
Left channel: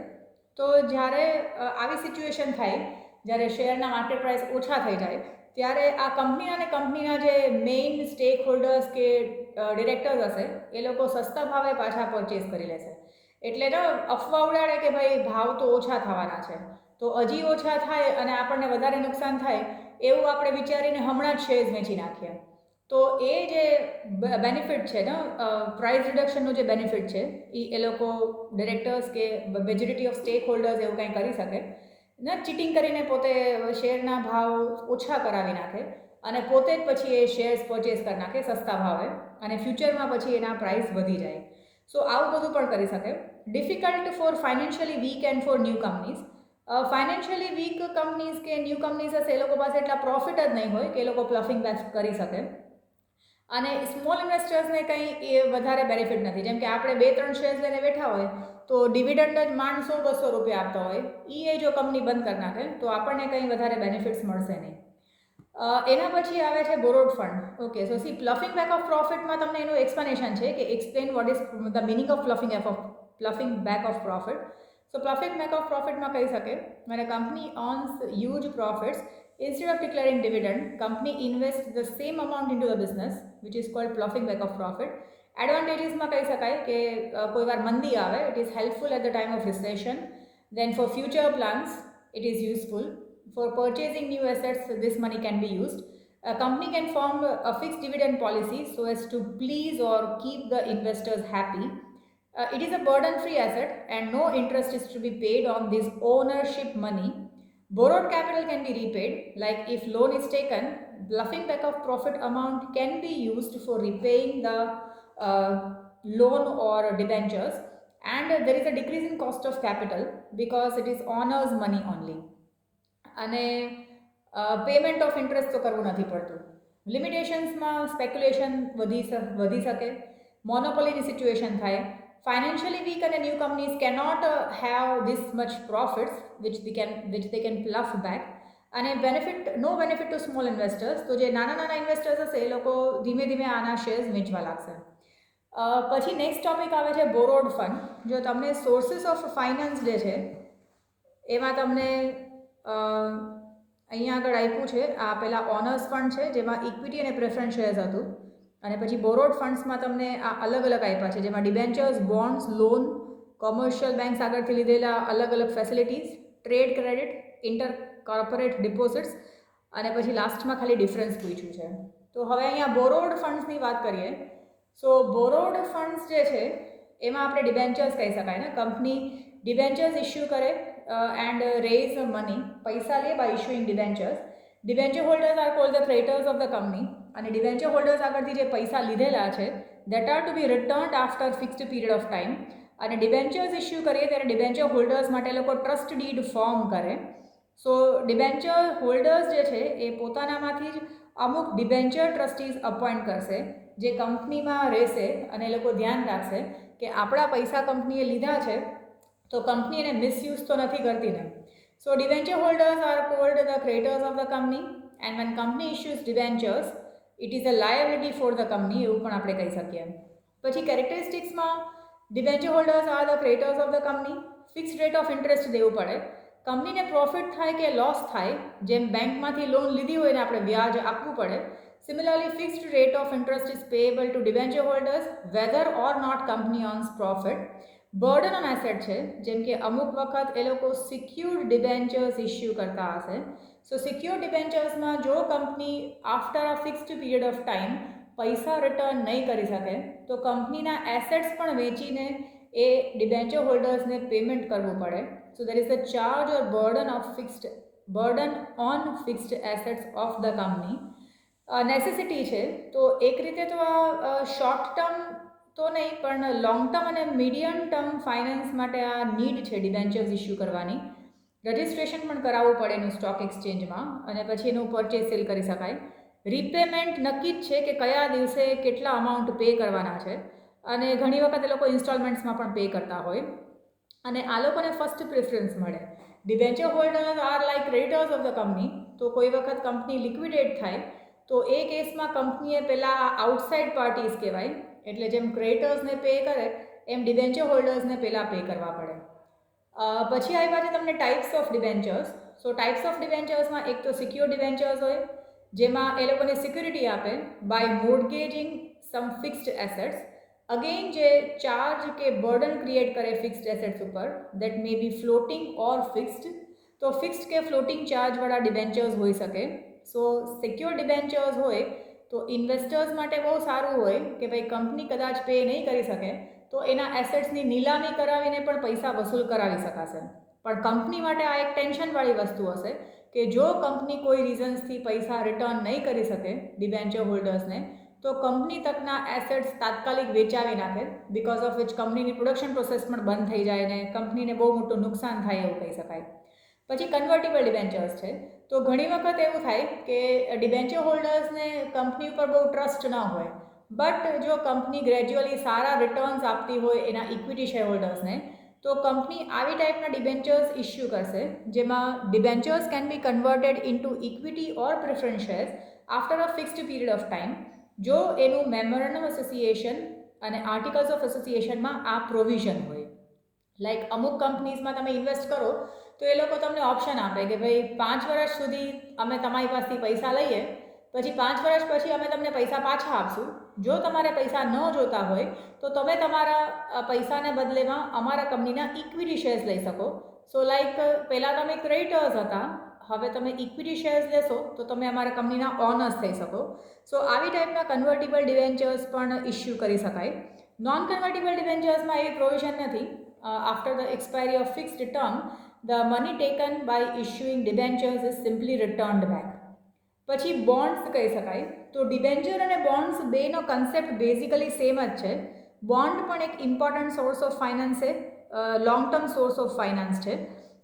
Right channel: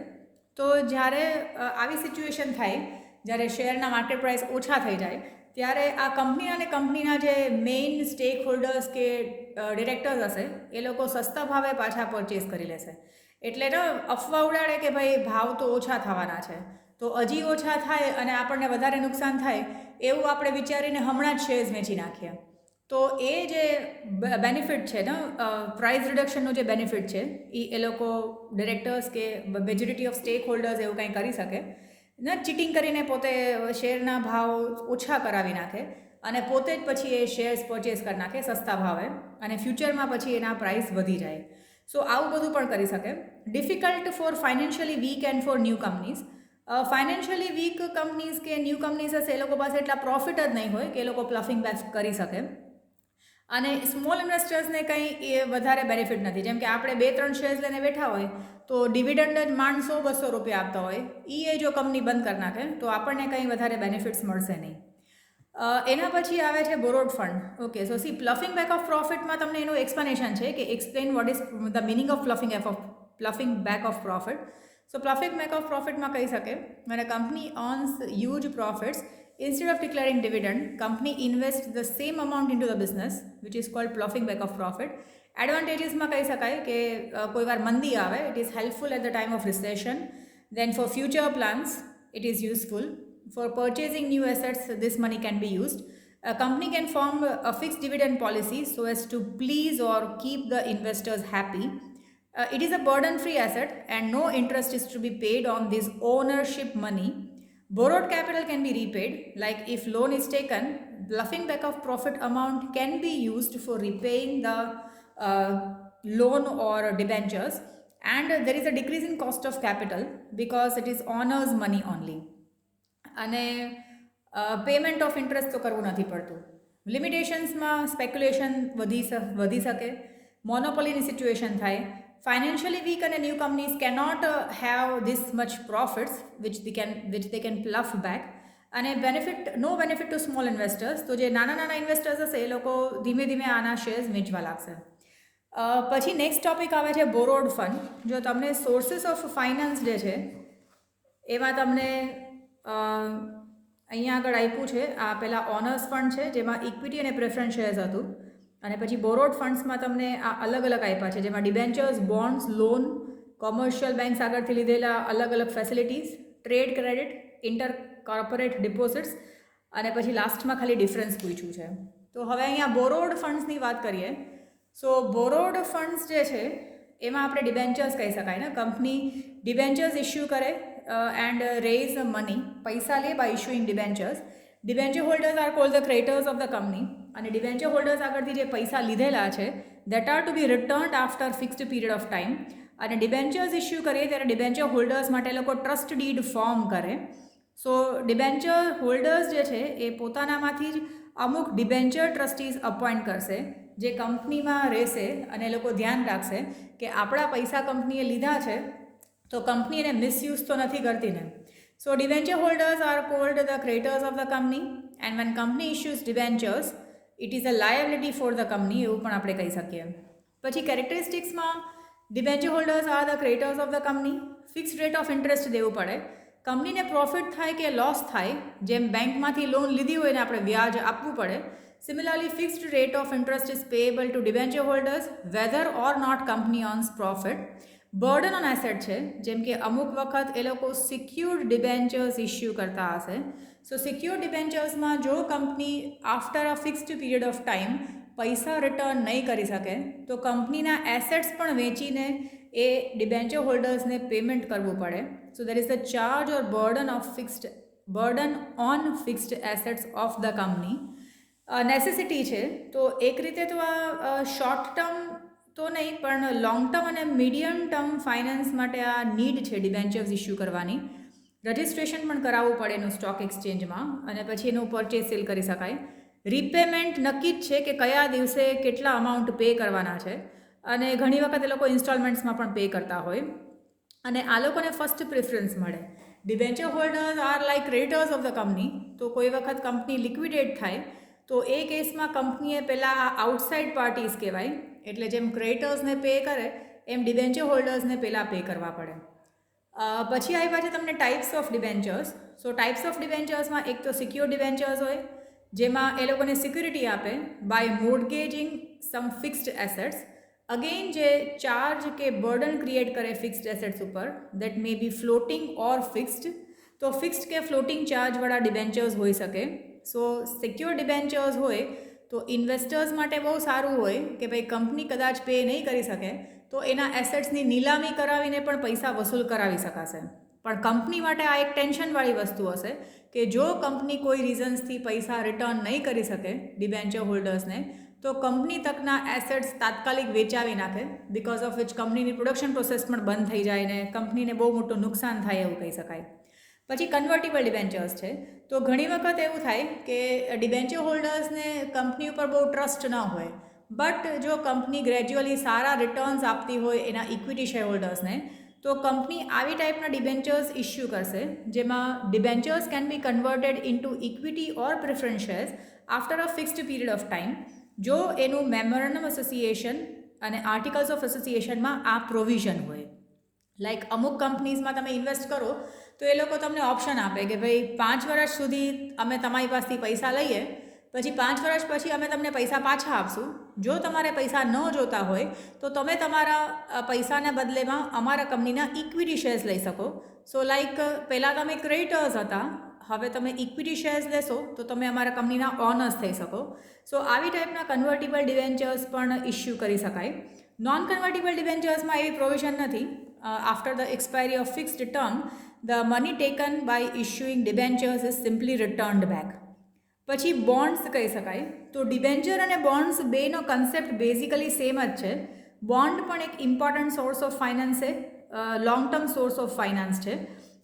તો જ્યારે આવી સિચ્યુએશન થાય, જ્યારે શેરના માર્કેટ પ્રાઇસ ઓછા થઈ જાય, ત્યારે આ કંપનીના જે મેઇન સ્ટેક હોલ્ડર્સ કે ડિરેક્ટર્સ હશે એ લોકો સસ્તા ભાવે પાછા પરચેસ કરી લેશે. એટલે અફવા ઉડાડે કે ભાઈ ભાવ તો ઓછા થવાના છે, તો હજી ઓછા થાય અને આપણને વધારે નુકસાન થાય એવું આપણે વિચારીને હમણાં જ શેર્સ વેચી નાખીએ. તો એ જે બેનિફિટ છે ને, પ્રાઇસ રિડક્શનનો જે બેનિફિટ છે એ લોકો ડિરેક્ટર્સ કે મેજોરિટી ઓફ સ્ટેક હોલ્ડર્સ એવું કંઈ કરી શકે ને, ચીટિંગ કરીને પોતે શેરના ભાવ ઓછા કરાવી નાખે અને પોતે જ પછી એ શેર્સ પરચેસ કરી નાખે સસ્તા ભાવે અને ફ્યુચરમાં પછી એના પ્રાઇસ વધી જાય. સો આવું બધું પણ કરી શકે. Difficult for financially weak and for new companies. Financially weak companies કે ન્યૂ કંપનીઝ હશે એ લોકો પાસે એટલા પ્રોફિટ જ નહીં હોય કે એ લોકો પ્લફિંગ બેક કરી શકે. અને સ્મોલ ઇન્વેસ્ટર્સને કંઈ એ વધારે બેનિફિટ નથી. જેમ કે આપણે 2-3 શેર્સ લઈને બેઠા હોય તો ડિવિડન્ડ જ માંડ 100-200 રૂપિયા આપતા હોય, એ જો કંપની બંધ કરી નાખે તો આપણને કંઈ વધારે બેનિફિટ્સ મળશે નહીં. એના પછી આવે છે borrowed fund. Okay, so see ploughing back of પ્રોફિટમાં તમને એનું એક્સપ્લેનેશન છે કે explain what is the meaning of ploughing back of profit. So ploughing back of પ્રોફિટમાં કહી શકે when a company earns huge profits, instead of declaring dividend, company invests the same amount into the business, which is called ploughing back of profit. એડવાન્ટેજીસમાં કહી શકાય કે કોઈ વાર મંદી આવે, it is helpful at the time of recession. Then for future plans it is useful. For purchasing new assets, this money can be used. A company can form a fixed dividend policy so as to please or keep the investors happy. It is a burden-free asset and no interest is to be paid on this ownership money. Borrowed capital can be repaid, like if loan is taken, bluffing back of profit amount can be used for repaying the loan or debentures, and there is a decrease in cost of capital because it is owner's money only. અને payment of interest તો કરવું નથી પડતું. લિમિટેશન્સમાં speculation વધી શકે, મોનોપોલીની situation થાય. Financially weak and new companies cannot have this much profits which they can bluff back. અને no benefit to small investors. તો જે નાના ઇન્વેસ્ટર્સ હશે એ લોકો ધીમે ધીમે આના શેર્સ વેચવા લાગશે. પછી નેક્સ્ટ ટોપિક આવે છે બોરોડ ફંડ. જો તમને સોર્સિસ ઓફ ફાઇનાન્સ જે છે એમાં તમને અહીંયા આગળ આપ્યું છે, આ પહેલાં ઓનર્સ ફંડ છે જેમાં ઇક્વિટી અને પ્રેફરન્સ શેર્સ હતું, અને પછી બોરોડ ફંડ્સમાં તમને આ અલગ અલગ આપ્યા છે જેમાં debentures, bonds, loan, commercial banks આગળથી લીધેલા અલગ facilities, trade credit, inter corporate deposits, અને પછી લાસ્ટમાં ખાલી ડિફરન્સ પૂછ્યું છે. તો હવે અહીંયા બોરોડ ફંડ્સની વાત કરીએ. સો બોરોડ ફંડ્સ જે છે એમાં આપણે ડિબેન્ચર્સ કહી શકાય ને. કંપની ડિબેન્ચર્સ ઇસ્યુ કરે એન્ડ રેઝ મની, પૈસા લે by issuing debentures. Debenture holders are called the creditors of the company. અને ડિબેન્ચર હોલ્ડર્સ આગળથી જે પૈસા લીધેલા છે that are to be returned after fixed period of time. અને ડિબેન્ચર્સ ઇસ્યુ કરીએ ત્યારે ડિબેન્ચર હોલ્ડર્સ માટે લોકો ટ્રસ્ટ ડીડ ફોર્મ કરે. સો ડિબેન્ચર હોલ્ડર્સ જે છે એ પોતાનામાંથી જ અમુક ડિબેન્ચર ટ્રસ્ટીઝ અપોઇન્ટ કરશે જે કંપનીમાં રહેશે, અને એ લોકો ધ્યાન રાખશે કે આપણા પૈસા કંપનીએ લીધા છે તો કંપની એને મિસયુઝ તો નથી કરતી ને. So debenture holders are called the creditors of the company, and when company issues debentures it is a liability for the company, એવું પણ આપણે કહી શકીએ. પછી કેરેક્ટરિસ્ટિક્સમાં debenture holders are the creditors of the company. Fixed rate of interest દેવું પડે. કંપનીને પ્રોફિટ થાય કે લોસ થાય, જેમ બેંકમાંથી લોન લીધી હોય ને આપણે વ્યાજ આપવું પડે, similarly fixed rate of interest is payable to debenture holders whether or not company earns profit. Burden on asset છે, જેમ કે અમુક વખત એ લોકો સિક્યુર્ડ ડિબેન્ચર્સ ઇસ્યુ કરતા હશે. સો સિક્યોર ડિબેન્ચર્સમાં જો company after a fixed period of time પૈસા રિટર્ન નહીં કરી શકે તો કંપનીના એસેટ્સ પણ વેચીને એ ડિબેન્ચર હોલ્ડર્સને પેમેન્ટ કરવું પડે. So there is the charge or burden on fixed assets of the company. Necessity છે, તો એક રીતે તો આ શોર્ટ ટર્મ તો નહીં પણ લોંગ ટર્મ અને મીડિયમ ટર્મ ફાઇનાન્સ માટે આ નીડ છે ડિબેન્ચર્સ ઇસ્યુ કરવાની. રજિસ્ટ્રેશન પણ કરાવવું પડે એનું સ્ટોક એક્સચેન્જમાં, અને પછી એનું પરચેસ સેલ કરી શકાય. રીપેમેન્ટ નક્કી જ છે કે કયા દિવસે કેટલા અમાઉન્ટ પે કરવાના છે, અને ઘણી વખત એ લોકો ઇન્સ્ટોલમેન્ટ્સમાં પણ પે કરતા હોય, અને આ લોકોને ફર્સ્ટ પ્રેફરન્સ મળે. Debenture holders R like creditors of the company, તો કોઈ વખત કંપની લિક્વિડેટ થાય તો એ કેસમાં કંપનીએ પહેલાં આઉટસાઇડ પાર્ટીઝ કહેવાય, એટલે જેમ ક્રેડિટર્સને પે કરે એમ ડિબેન્ચર હોલ્ડર્સને પહેલાં પે કરવા પડે. પછી આવ્યા છે તમને types of debentures. So types of ડિબેન્ચર્સમાં એક તો સિક્યોર ડિબેન્ચર્સ હોય, જેમાં એ લોકોને સિક્યુરિટી આપે by mortgaging some fixed assets. Again જે ચાર્જ કે બર્ડન ક્રિએટ કરે ફિક્સ્ડ એસેટ્સ ઉપર, that may be floating or fixed. તો ફિક્સ્ડ કે ફ્લોટિંગ ચાર્જવાળા ડિબેન્ચર્સ હોઈ શકે. સો સિક્યોર ડિબેન્ચર્સ હોય તો ઇન્વેસ્ટર્સ માટે બહુ સારું હોય કે ભાઈ કંપની કદાચ પે નહીં કરી શકે તો એના એસેટ્સની નીલામી કરાવીને પણ પૈસા વસૂલ કરાવી શકાશે. પણ કંપની માટે આ એક ટેન્શનવાળી વસ્તુ હશે કે જો કંપની કોઈ રીઝન્સથી પૈસા રિટર્ન નહીં કરી શકે ડિબેન્ચર હોલ્ડર્સને, તો કંપની તકના એસેટ્સ તાત્કાલિક વેચાવી નાખે, બિકોઝ ઓફ વિચ કંપનીની પ્રોડક્શન પ્રોસેસ પણ બંધ થઈ જાય ને કંપનીને બહુ મોટું નુકસાન થાય એવું કહી શકાય. પછી કન્વર્ટેબલ ડિબેન્ચર્સ છે. તો ઘણી વખત એવું થાય કે ડિબેન્ચર હોલ્ડર્સને કંપની ઉપર બહુ ટ્રસ્ટ ન હોય, બટ જો કંપની ગ્રેજ્યુઅલી સારા રિટર્ન્સ આપતી હોય એના ઇક્વિટી શેર હોલ્ડર્સને, તો કંપની આવી ટાઈપના ડિબેન્ચર્સ ઇસ્યુ કરશે, જેમાં debentures can be converted into equity or preference shares after a fixed period of time, જો એનું મેમોરેન્ડમ એસોસિએશન અને આર્ટિકલ્સ ઓફ એસોસિએશનમાં આ પ્રોવિઝન હોય. લાઈક અમુક કંપનીઝમાં તમે ઇન્વેસ્ટ કરો તો એ લોકો તમને ઓપ્શન આપે કે ભાઈ 5 વર્ષ સુધી અમે તમારી પાસેથી પૈસા લઈએ, પછી 5 વર્ષ પછી અમે તમને પૈસા પાછા આપશું. જો તમારે પૈસા ન જોતા હોય તો તમે તમારા પૈસાને બદલેમાં અમારા કંપનીના ઇક્વિટી શેર્સ લઈ શકો. સો લાઈક પહેલાં તમે ક્રેડિટર્સ હતા, હવે તમે ઇક્વિટી શેર્સ લેશો તો તમે અમારા કંપનીના ઓનર્સ થઈ શકો. સો આવી ટાઈપના કન્વર્ટેબલ ડિબેન્ચર્સ પણ ઇસ્યુ કરી શકાય. નોન કન્વર્ટેબલ ડિબેન્ચર્સમાં એવી પ્રોવિઝન નથી. After the expiry of fixed term, the money taken by issuing debentures is simply returned back. પછી બોન્ડ્સ કહી શકાય. તો ડિબેન્ચર અને બોન્ડ્સ બેનો કન્સેપ્ટ બેઝિકલી સેમ જ છે. બોન્ડ પણ એક ઇમ્પોર્ટન્ટ સોર્સ ઓફ ફાઇનાન્સ છે, long term source of finance છે,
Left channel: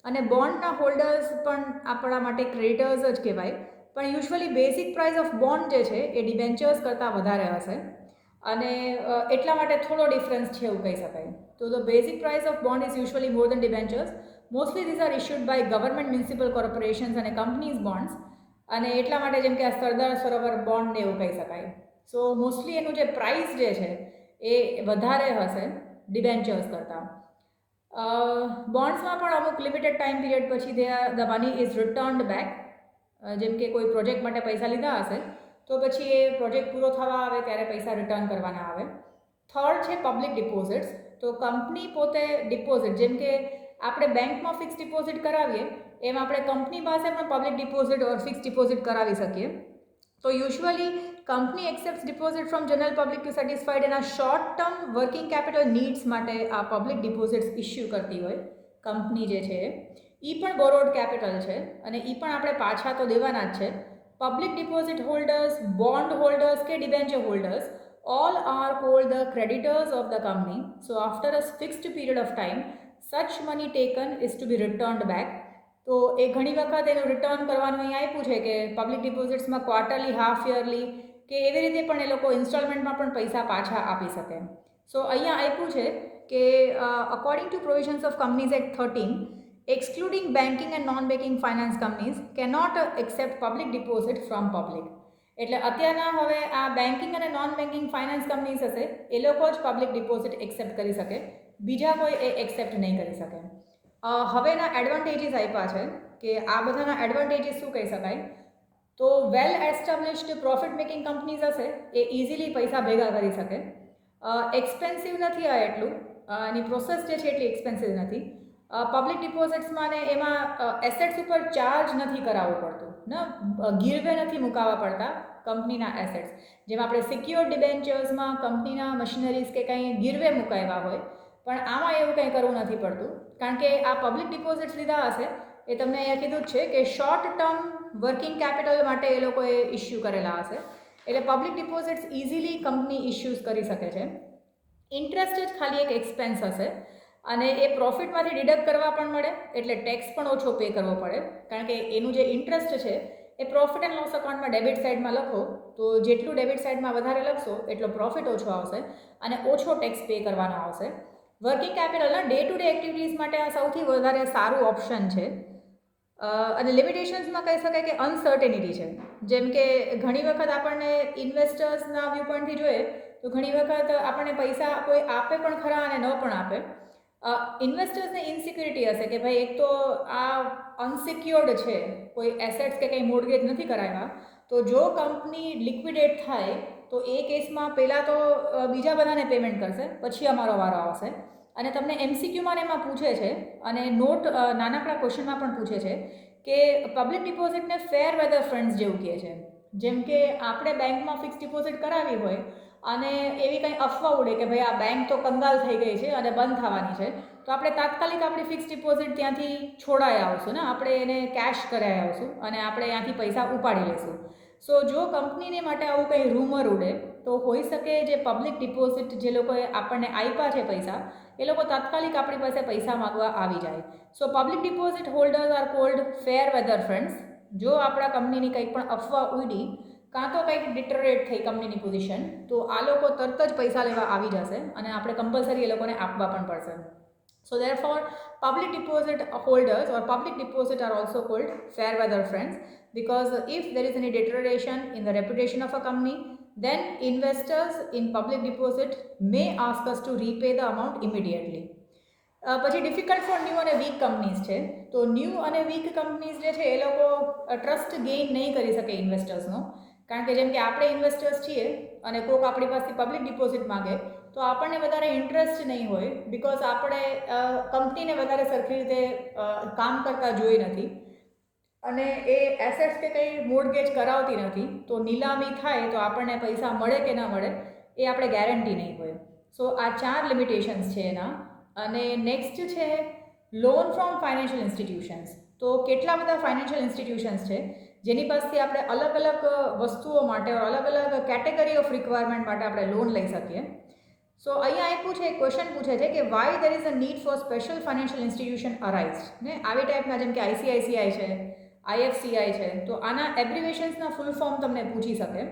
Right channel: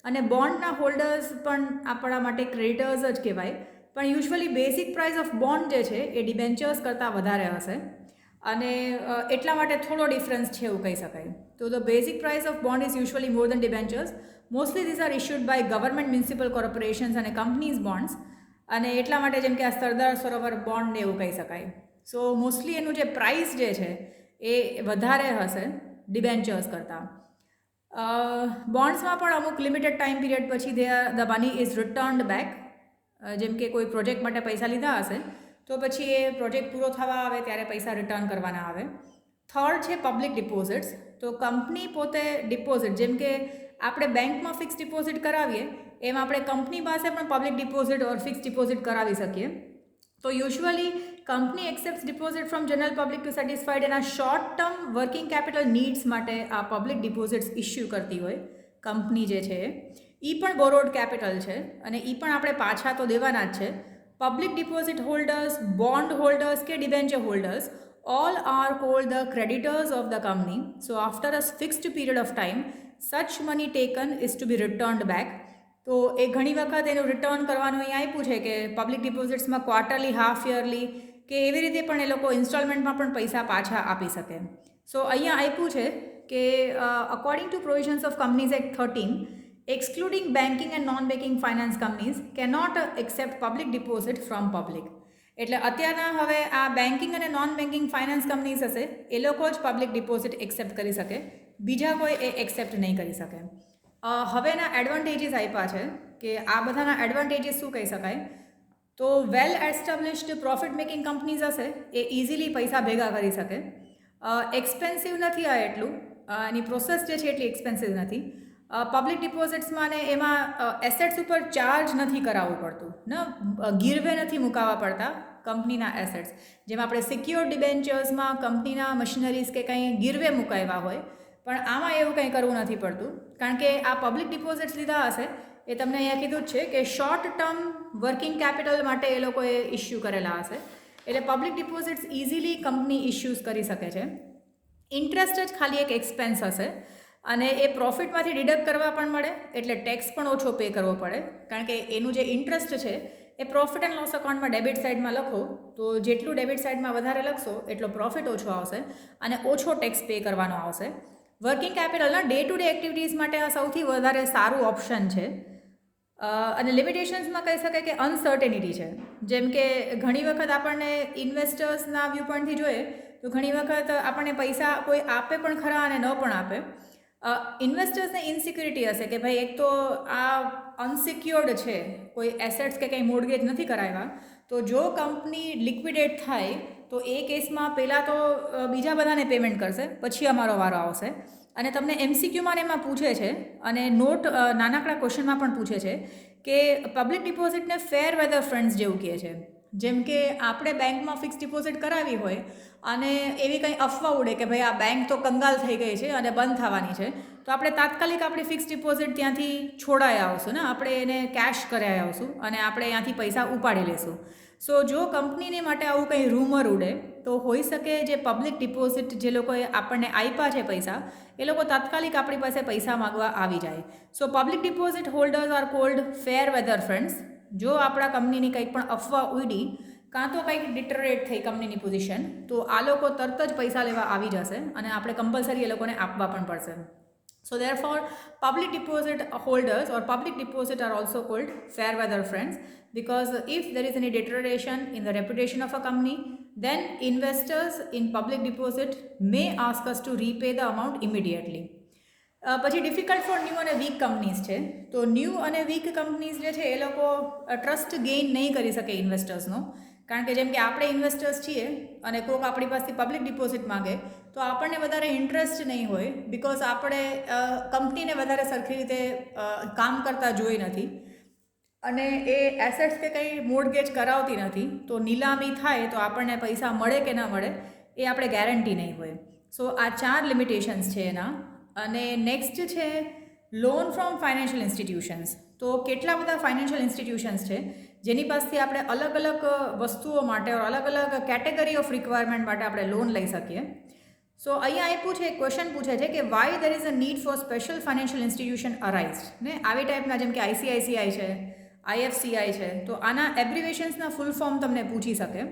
અને બોન્ડના હોલ્ડર્સ પણ આપણા માટે ક્રેડિટર્સ જ કહેવાય. પણ usually basic price of bond જે છે એ ડિબેન્ચર્સ કરતાં વધારે હશે, અને એટલા માટે થોડો ડિફરન્સ છે એવું કહી શકાય. તો the basic price of bond is usually more than debentures. Mostly these are issued by government, municipal corporations અને કંપનીઝ બોન્ડ્સ, અને એટલા માટે જેમ કે આ સરદાર સરોવર બોન્ડને એવું કહી શકાય. સો મોસ્ટલી એનું જે પ્રાઇસ જે છે એ વધારે હશે ડિબેન્ચર્સ કરતાં. બોન્ડ્સમાં પણ અમુક લિમિટેડ ટાઈમ પીરિયડ પછી the money is returned back. જેમ કે કોઈ પ્રોજેક્ટ માટે પૈસા લીધા હશે તો પછી એ પ્રોજેક્ટ પૂરો થવા આવે ત્યારે પૈસા રિટર્ન કરવાના આવે. થર્ડ છે પબ્લિક ડિપોઝિટ્સ. તો કંપની પોતે ડિપોઝિટ, જેમ કે આપણે બેંકમાં ફિક્સ ડિપોઝિટ કરાવીએ એમ આપણે કંપની પાસે પણ public deposit or fix deposit કરાવી શકીએ. તો usually company accept deposit from general public to satisfied એના short term working capital needs માટે આ પબ્લિક ડિપોઝિટ્સ ઇસ્યુ કરતી હોય કંપની જે છે એ પણ બોરોડ કેપિટલ છે, અને એ પણ આપણે પાછા તો દેવાના જ છે. Public deposit holders, bond holders કે debenture holders, all are called the creditors of the company. So after a fixed period of time, such money taken is to be returned back. તો એ ઘણી વખત એનું રિટર્ન કરવાનું અહીં આપ્યું છે કે પબ્લિક ડિપોઝિટ્સમાં ક્વાર્ટરલી, હાફ યરલી કે એવી રીતે પણ એ લોકો ઇન્સ્ટોલમેન્ટમાં પણ પૈસા પાછા આપી શકે. સો અહીંયા આપ્યું છે કે according to provisions of companies act 13, excluding banking and non-banking finance companies cannot accept public deposit from public. એટલે અત્યારના હવે આ બેન્કિંગ અને નોન બેન્કિંગ ફાઇનાન્સ કંપનીઝ હશે એ લોકો જ પબ્લિક ડિપોઝિટ એક્સેપ્ટ કરી શકે, બીજા કોઈ એ એક્સેપ્ટ નહીં કરી શકે. હવેના એડવાન્ટેજીસ આપ્યા છે કે આ બધાના એડવાન્ટેજીસ શું કહી શકાય. તો વેલ એસ્ટાબ્લિશ્ડ પ્રોફિટ મેકિંગ કંપનીઝ હશે એ ઇઝીલી પૈસા ભેગા કરી શકે. એક્સપેન્સિવ નથી આ એટલું, એની પ્રોસેસ જે છે એટલી એક્સપેન્સિવ નથી. પબ્લિક ડિપોઝિટ્સમાં ને એમાં એસેટ્સ ઉપર ચાર્જ નથી કરાવવું પડતું ને, ગીરવે નથી મુકાવવા પડતા કંપનીના એસેટ્સ. જેમ આપણે સિક્યોર ડિબેન્ચર્સમાં કંપનીના મશીનરીઝ કે કંઈ ગીરવે મુકાવ્યા હોય, પણ આમાં એવું કંઈ કરવું નથી પડતું, કારણ કે આ પબ્લિક ડિપોઝિટ્સ લીધા હશે એ તમને અહીંયા કીધું જ છે કે શોર્ટ ટર્મ વર્કિંગ કેપિટલ માટે એ લોકોએ ઇસ્યુ કરેલા હશે. એટલે public deposits easily company issues કરી શકે છે. ઇન્ટરેસ્ટ જ ખાલી એક એક્સપેન્સ હશે, અને એ પ્રોફિટમાંથી ડિડક્ટ કરવા પણ મળે, એટલે ટેક્સ પણ ઓછો પે કરવો પડે, કારણ કે એનું જે ઇન્ટરેસ્ટ છે એ પ્રોફિટ એન્ડ લોસ અકાઉન્ટમાં ડેબિટ સાઇડમાં લખો તો જેટલું ડેબિટ સાઇડમાં વધારે લખશો એટલો પ્રોફિટ ઓછો આવશે અને ઓછો ટેક્સ પે કરવાનો આવશે. વર્કિંગ કેપિટલના ડે ટુ ડે એક્ટિવિટીઝ માટે આ સૌથી વધારે સારું ઓપ્શન છે. અને લિમિટેશન્સમાં કહી શકાય કે અનસર્ટેનિટી છે. જેમ કે ઘણી વખત આપણને ઇન્વેસ્ટર્સના વ્યૂ પોઈન્ટથી જોઈએ તો ઘણી વખત આપણને પૈસા કોઈ આપે પણ ખરા અને ન પણ આપે. ઇન્વેસ્ટર્સને ઇનસિક્યુરિટી હશે કે ભાઈ એક તો આ અનસિક્યોર્ડ છે, કોઈ એસેટ્સ કે કંઈ મોર્ગેજ નથી કરાવ્યા, તો જો કંપની લિક્વિડેટ થાય તો એ કેસમાં પહેલાં તો બીજા બધાને પેમેન્ટ કરશે, પછી અમારો વારો આવશે. અને તમને એમસીક્યુમાં એમાં પૂછે છે અને નાનકડા ક્વેશ્ચનમાં પણ પૂછે છે કે પબ્લિક ડિપોઝિટને ફેર વેધર ફંડ્સ જેવું કહે છે. જેમ કે આપણે બેંકમાં ફિક્સ ડિપોઝિટ કરાવી હોય અને એવી કંઈ અફવા ઉડે કે ભાઈ આ બેંક તો કંગાલ થઈ ગઈ છે અને બંધ થવાની છે, તો આપણે તાત્કાલિક આપણી ફિક્સ ડિપોઝિટ ત્યાંથી છોડાઈ આવશું ને, આપણે એને કેશ કરાવી આવશું અને આપણે ત્યાંથી પૈસા ઉપાડી લઈશું. સો જો કંપનીને માટે આવું કંઈ રૂમર ઉડે તો હોઈ શકે જે પબ્લિક ડિપોઝિટ જે લોકોએ આપણને આપ્યા છે પૈસા, એ લોકો તાત્કાલિક આપણી પાસે પૈસા માગવા આવી જાય. So public deposit holders are called fair weather funds. જો આપણા કંપનીની કંઈક પણ અફવા ઉડી કાં તો કંઈક ડિટરેટ થઈ કંપનીની પોઝિશન, તો આ લોકો તરત જ પૈસા લેવા આવી જશે અને આપણે કમ્પલસરી એ લોકોને આપવા પણ પડશે. So therefore, public deposit holders or public deposit are also called fair weather friends, because if there is any deterioration in the reputation of a company, then investors in public deposit may ask us to repay the amount immediately. પછી difficult for new અને week companies છે. તો new અને week companies જે છે એ લોકો trust gain નહીં કરી શકે ઇન્વેસ્ટર્સનો, કારણ કે જેમ કે આપણે ઇન્વેસ્ટર્સ છીએ અને કોઈક આપણી પાસેથી પબ્લિક ડિપોઝિટ માગે તો આપણને વધારે ઇન્ટરેસ્ટ નહીં હોય, બિકોઝ આપણે કંપનીને વધારે સરખી રીતે કામ કરતા જોઈ નથી અને એ એસેટ્સ કે કંઈ મોર્ગેજ કરાવતી નથી, તો નીલામી થાય તો આપણને પૈસા મળે કે ના મળે એ આપણે ગેરંટી નહીં હોય. સો આ 4 લિમિટેશન્સ છે એના. અને નેક્સ્ટ છે લોન ફ્રોમ ફાઇનાન્શિયલ ઇન્સ્ટિટ્યુશન્સ. તો કેટલા બધા ફાઇનાન્શિયલ ઇન્સ્ટિટ્યુશન્સ છે જેની પાસેથી આપણે અલગ અલગ વસ્તુઓ માટે અલગ અલગ કેટેગરી ઓફ રિક્વાયરમેન્ટ માટે આપણે લોન લઈ શકીએ. સો અહીંયા આપ્યું છે, ક્વેશ્ચન પૂછે છે કે why there is a need for special financial institution arise. ને આવી ટાઈપના જેમ કે આઈસીઆઈસીઆઈ છે, આઈએફસીઆઈ છે, તો આના એબ્રિવેશન્સના ફૂલ ફોર્મ તમને પૂછી શકે.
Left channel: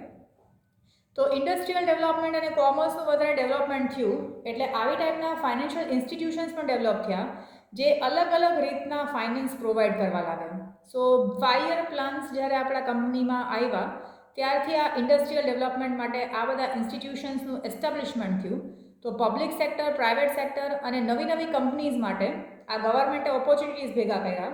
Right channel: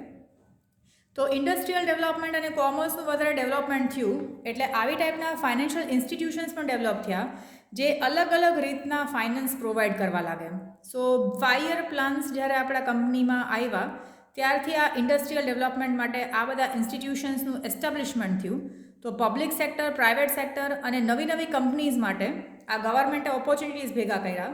તો ઇન્ડસ્ટ્રીયલ ડેવલપમેન્ટ અને કોમર્સનું વધારે ડેવલપમેન્ટ થયું એટલે આવી ટાઈપના ફાઇનાન્શિયલ ઇન્સ્ટિટ્યુશન્સ પણ ડેવલપ થયા જે અલગ અલગ રીતના ફાઇનાન્સ પ્રોવાઈડ કરવા લાગે. સો 5 યર પ્લાન્સ જ્યારે આપણા કંપનીમાં આવ્યા ત્યારથી આ ઇન્ડસ્ટ્રીયલ ડેવલપમેન્ટ માટે આ બધા ઇન્સ્ટિટ્યુશન્સનું એસ્ટાબ્લિશમેન્ટ થયું. તો પબ્લિક સેક્ટર, પ્રાઇવેટ સેક્ટર અને નવી નવી કંપનીઝ માટે આ ગવર્મેન્ટે ઓપોર્ચ્યુનિટીઝ ભેગા કર્યા,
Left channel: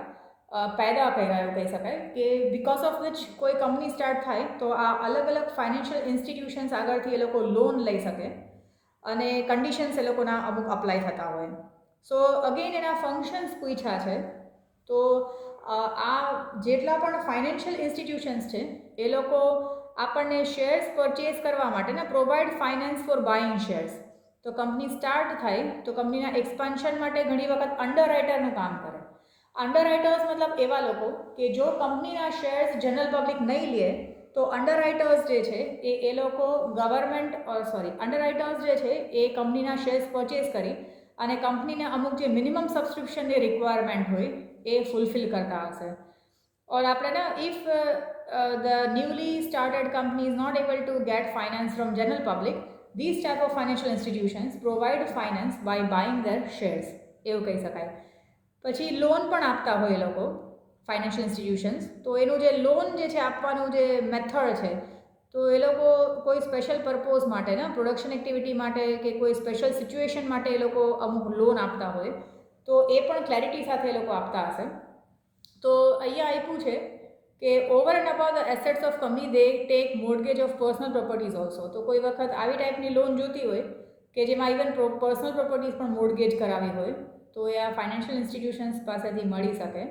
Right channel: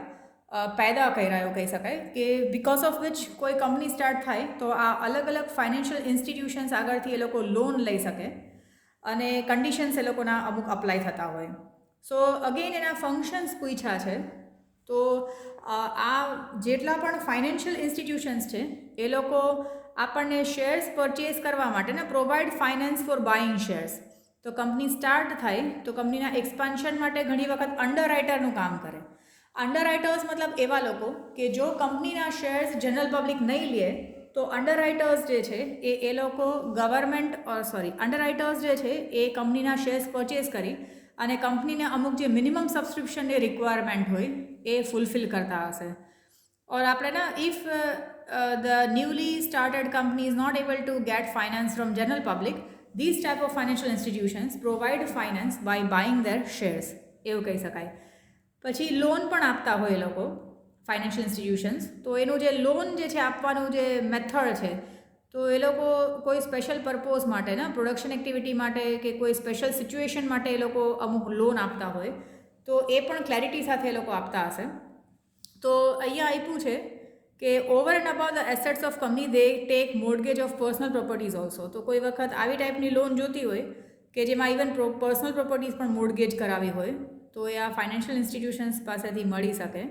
પેદા કર્યા એવું કહી શકાય, કે બિકોઝ ઓફ વિચ કોઈ કંપની સ્ટાર્ટ થાય તો આ અલગ અલગ ફાઇનાન્શિયલ ઇન્સ્ટિટ્યુશન્સ આગળથી એ લોકો લોન લઈ શકે અને કન્ડિશન્સ એ લોકોના અમુક અપ્લાય થતા હોય. સો અગેન એના ફંક્શન્સ પૂછ્યા છે. તો આ જેટલા પણ ફાઇનાન્શિયલ ઇન્સ્ટિટ્યુશન્સ છે એ લોકો આપણને શેર્સ પરચેઝ કરવા માટે ને provide finance for buying shares. તો કંપની સ્ટાર્ટ થાય તો કંપનીના એક્સપાન્શન માટે ઘણી વખત અંડરરાઇટરનું કામ કરે. અંડરરાઇટર્સ મતલબ એવા લોકો કે જો કંપનીના શેર્સ જનરલ પબ્લિક નહીં લે તો અંડરરાઇટર્સ જે છે એ લોકો અંડરરાઇટર્સ જે છે એ કંપનીના શેર્સ પરચેઝ કરી અને કંપનીને અમુક જે મિનિમમ સબસ્ક્રિપ્શનની રિક્વાયરમેન્ટ હોય એ ફૂલફિલ કરતા હશે. ઓર આપણે ના if the newly started company is not able to get finance from general public, these type of financial institutions provide finance by buying their shares એવું કહી શકાય. પછી લોન પણ આપતા હોય એ લોકો ફાઇનાન્શિયલ ઇન્સ્ટિટ્યુશન્સ. તો એનું જે લોન જે છે આપવાનું જે મેથડ છે તો એ લોકો કોઈ સ્પેશિયલ પર્પોઝ માટે ના પ્રોડક્શન એક્ટિવિટી માટે કે કોઈ સ્પેશિયલ સિચ્યુએશન માટે એ લોકો અમુક લોન આપતા હોય, તો એ પણ ક્લેરિટી સાથે એ લોકો આપતા હશે. તો અહીંયા આપ્યું છે કે over and about the assets of company they tech mortgage of personal properties also. તો કોઈ વખત આવી ટાઈપની લોન જોતી હોય કે જેમાં ઇવન પર્સનલ પ્રોપર્ટીઝ પણ મોર્ગેજ કરાવી હોય તો એ આ ફાઇનાન્શિયલ ઇન્સ્ટિટ્યુશન્સ પાસેથી મળી શકે.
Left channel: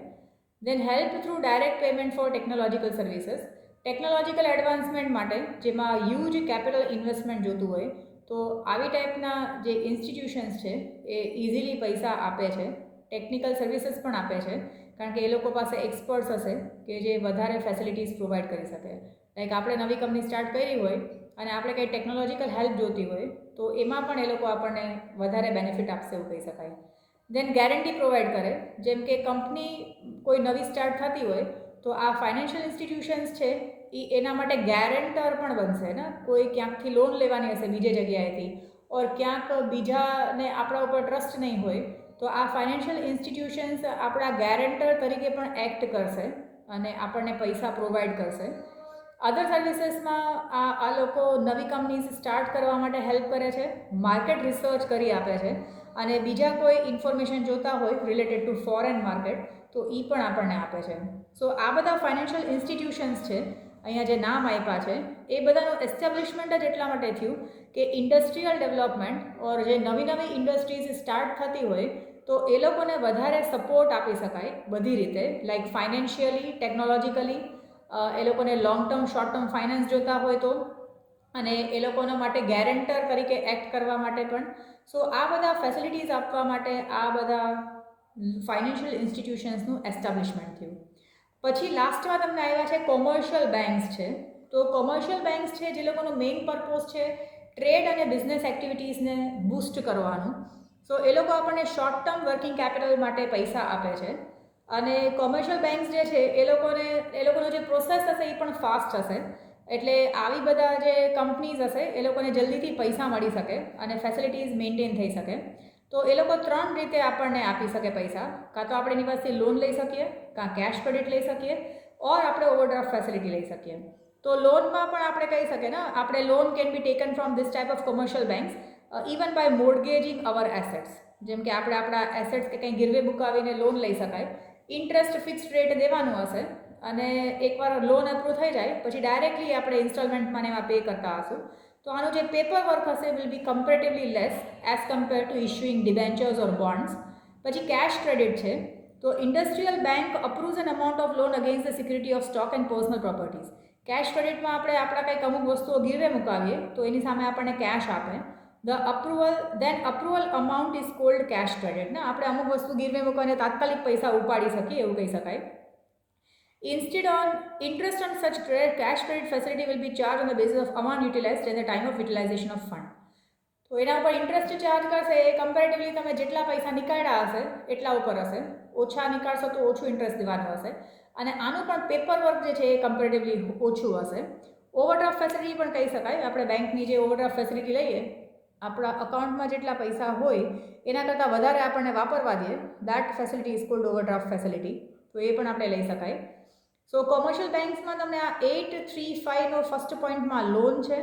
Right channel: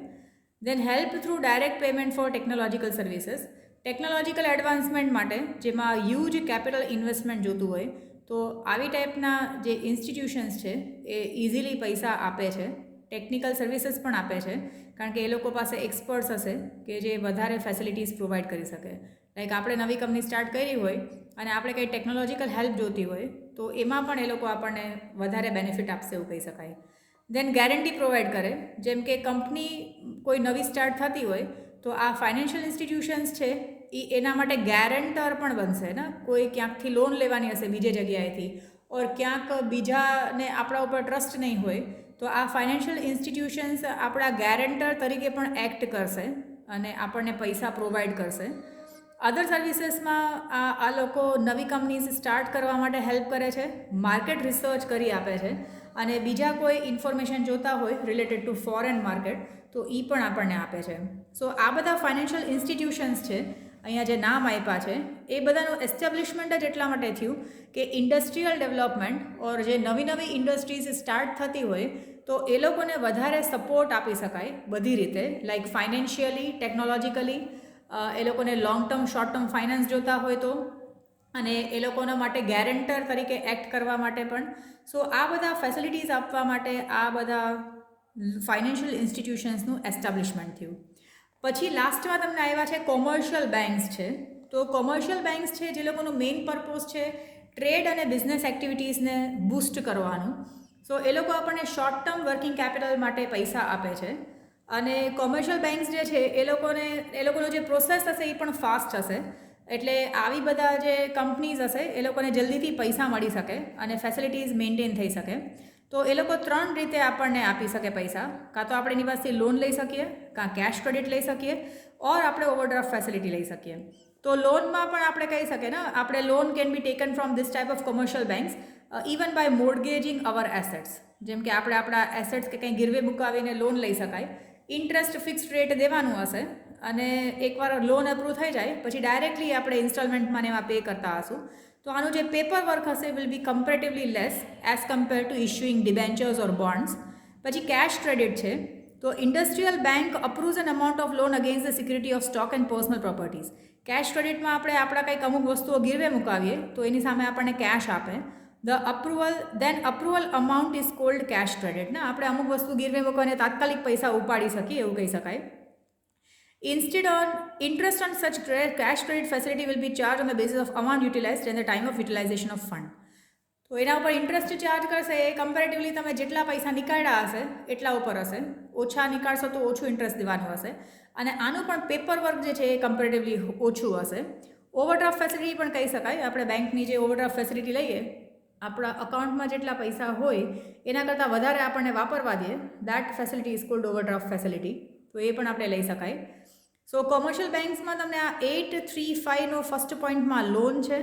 Then help through direct payment for technological services. Technological advancement માટે જેમાં હ્યુજ કેપિટલ ઇન્વેસ્ટમેન્ટ જોતું હોય તો આવી ટાઈપના જે ઇન્સ્ટિટ્યુશન્સ છે એ ઇઝીલી પૈસા આપે છે, ટેકનિકલ સર્વિસીસ પણ આપે છે, કારણ કે એ લોકો પાસે એક્સપર્ટ્સ હશે કે જે વધારે ફેસિલિટીઝ પ્રોવાઈડ કરી શકે. લાઈક આપણે નવી કંપની સ્ટાર્ટ કરી હોય અને આપણે કંઈ ટેકનોલોજીકલ હેલ્પ જોતી હોય તો એમાં પણ એ લોકો આપણને વધારે બેનિફિટ આપશે એવું કહી શકાય. દેન ગેરંટી પ્રોવાઈડ કરે. જેમ કે કંપની કોઈ નવી સ્ટાર્ટ થતી હોય તો આ ફાઇનાન્શિયલ ઇન્સ્ટિટ્યુશન્સ છે એ એના માટે ગેરંટર પણ બનશે ને. કોઈ ક્યાંકથી લોન લેવાની હશે બીજી જગ્યાએથી ઓર ક્યાંક બીજાને આપણા ઉપર ટ્રસ્ટ નહીં હોય તો તો આ ફાઇનાન્શિયલ ઇન્સ્ટિટ્યુશન્સ આપણા ગેરંટર તરીકે પણ એક્ટ કરશે અને આપણને પૈસા પ્રોવાઈડ કરશે. અધર સર્વિસીસમાં આ લોકો નવી કંપનીઝ સ્ટાર્ટ કરવા માટે હેલ્પ કરે છે, માર્કેટ રિસર્ચ કરી આપે છે, અને બીજા કોઈ ઇન્ફોર્મેશન જોતા હોય રિલેટેડ ટુ ફોરેન માર્કેટ તો એ પણ આપણને આપે છે. સો આ બધા ફાઇનાન્શિયલ ઇન્સ્ટિટ્યુશન્સ છે અહીંયા જે નામ આપ્યા છે એ બધાનું એસ્ટાબ્લિશમેન્ટ જ એટલા માટે થયું કે ઇન્ડસ્ટ્રીયલ ડેવલપમેન્ટ ઓર જે નવી નવી ઇન્ડસ્ટ્રીઝ સ્ટાર્ટ થતી હોય તો એ લોકોને વધારે સપોર્ટ આપી શકાય બધી રીતે, લાઈક ફાઇનાન્શિયલી, ટેકનોલોજીકલી, એ લોકોને long term short term finance જોતા હોય તો, અને એ લોકોના માટે ગેરંટર તરીકે એક્ટ કરવા માટે પણ. સો આ બધા ફેસિલિટીઝ આપવા માટે આ બધા ફાઇનાન્શિયલ ઇન્સ્ટિટ્યુશન્સનું એસ્ટાબ્લિશમેન્ટ થયું. પછી લાસ્ટમાં તમને આવ્યા છે કોમર્શિયલ બેન્ક્સ છે. તો કોમર્શિયલ બેન્ક્સ છે જે લોકોનું મેઇન પર્પઝ છે ટ્રેડ અને બિઝનેસ એક્ટિવિટીઝને બૂસ્ટ કરવાનું. સો એ લોકો આપણને શોર્ટ ટર્મ વર્કિંગ કેપિટલ માટે પૈસા આપે છે, અને કોમર્શિયલ બેન્ક્સ જે છે એ લોકોનો જે પ્રોસેસ હશે એ પણ ફાસ્ટ હશે. એટલે આવી બધા જે કંપનીઝ હશે એ લોકોને જલ્દીથી પૈસા મળી શકે અને ફેસિલિટીઝ મેન્ટેન થઈ શકે. તો એ લોકો 3 રીતે આપણને આપી શકે પૈસા. કાં તો આપણે એની પાસેથી લોન લઈ શકીએ, કાં કેશ ક્રેડિટ લઈ શકીએ, ઓર આપણે ઓવરડ્રાફ્ટ ફેસિલિટી લઈ શકીએ. તો લોનમાં પણ આપણે કહી શકીએ ને, આપણે loan can be taken from this type of commercial banks even by mortgaging our assets. જેમ કે આપણે આપણા એસેટ્સ કે કંઈ ગીરવે મુકાવીને લોન લઈ શકાય. ઇન્ટરેસ્ટ ફિક્સ્ડ રેટ દેવાનું હશે અને એકવાર લોન અપ્રૂવ થઈ જાય પછી ડાયરેક્ટલી આપણે ઇન્સ્ટોલમેન્ટમાં એમાં પે કરતા હશું. તો આનું જે પેપર વર્ક હશે will be comparatively less as compare to issuing debentures or bonds. પછી કેશ ક્રેડિટ છે. તો industrial bank approves an amount of loan against the security of stock and personal properties. Cash ક્રેડિટમાં આપણે આપણા કંઈક અમુક વસ્તુઓ ગીરવે મુકાવીએ તો એની સામે આપણને કેશ આપે. Approval amount is called cache credit. ને આપણે અમુક વસ્તુ ગીરવે મૂકવાને તાત્કાલિક પૈસા ઉપાડી શકીએ એવું કહી શકાય. Instead on interest on such cash credit facility will be charged on the basis of amount utilized and the time of utilization of fund. તો એના ઉપર ઇન્ટરેસ્ટ ચાર્જ કરશે એ કમ્પેરેટિવલી તમે જેટલા પૈસા નીકાળ્યા હશે એટલા ઉપર હશે. ઓછા નીકાળશો તો ઓછું ઇન્ટરેસ્ટ દેવાનું હશે, અને આનું પણ પેપર વર્ક જે છે એ કમ્પેરેટિવલી ઓછું હશે. ઓવરડ્રાફ્ટ ફેસિલિટી પણ કહી શકાય. આપણે બેંકની જે ઓવરડ્રાફ્ટ ફેસિલિટી લઈએ, આપણા અકાઉન્ટમાં જેટલા પૈસા હોય એના કરતાં વધારે આપણને વાપરવા દે, that facility is called overdraft facility. તો એ પણ આપણે લઈ શકાય. સો કોમર્શિયલ બેન્ક્સમાં તમને આ 835નો ફર્સ્ટ પોઈન્ટમાં લોન છે,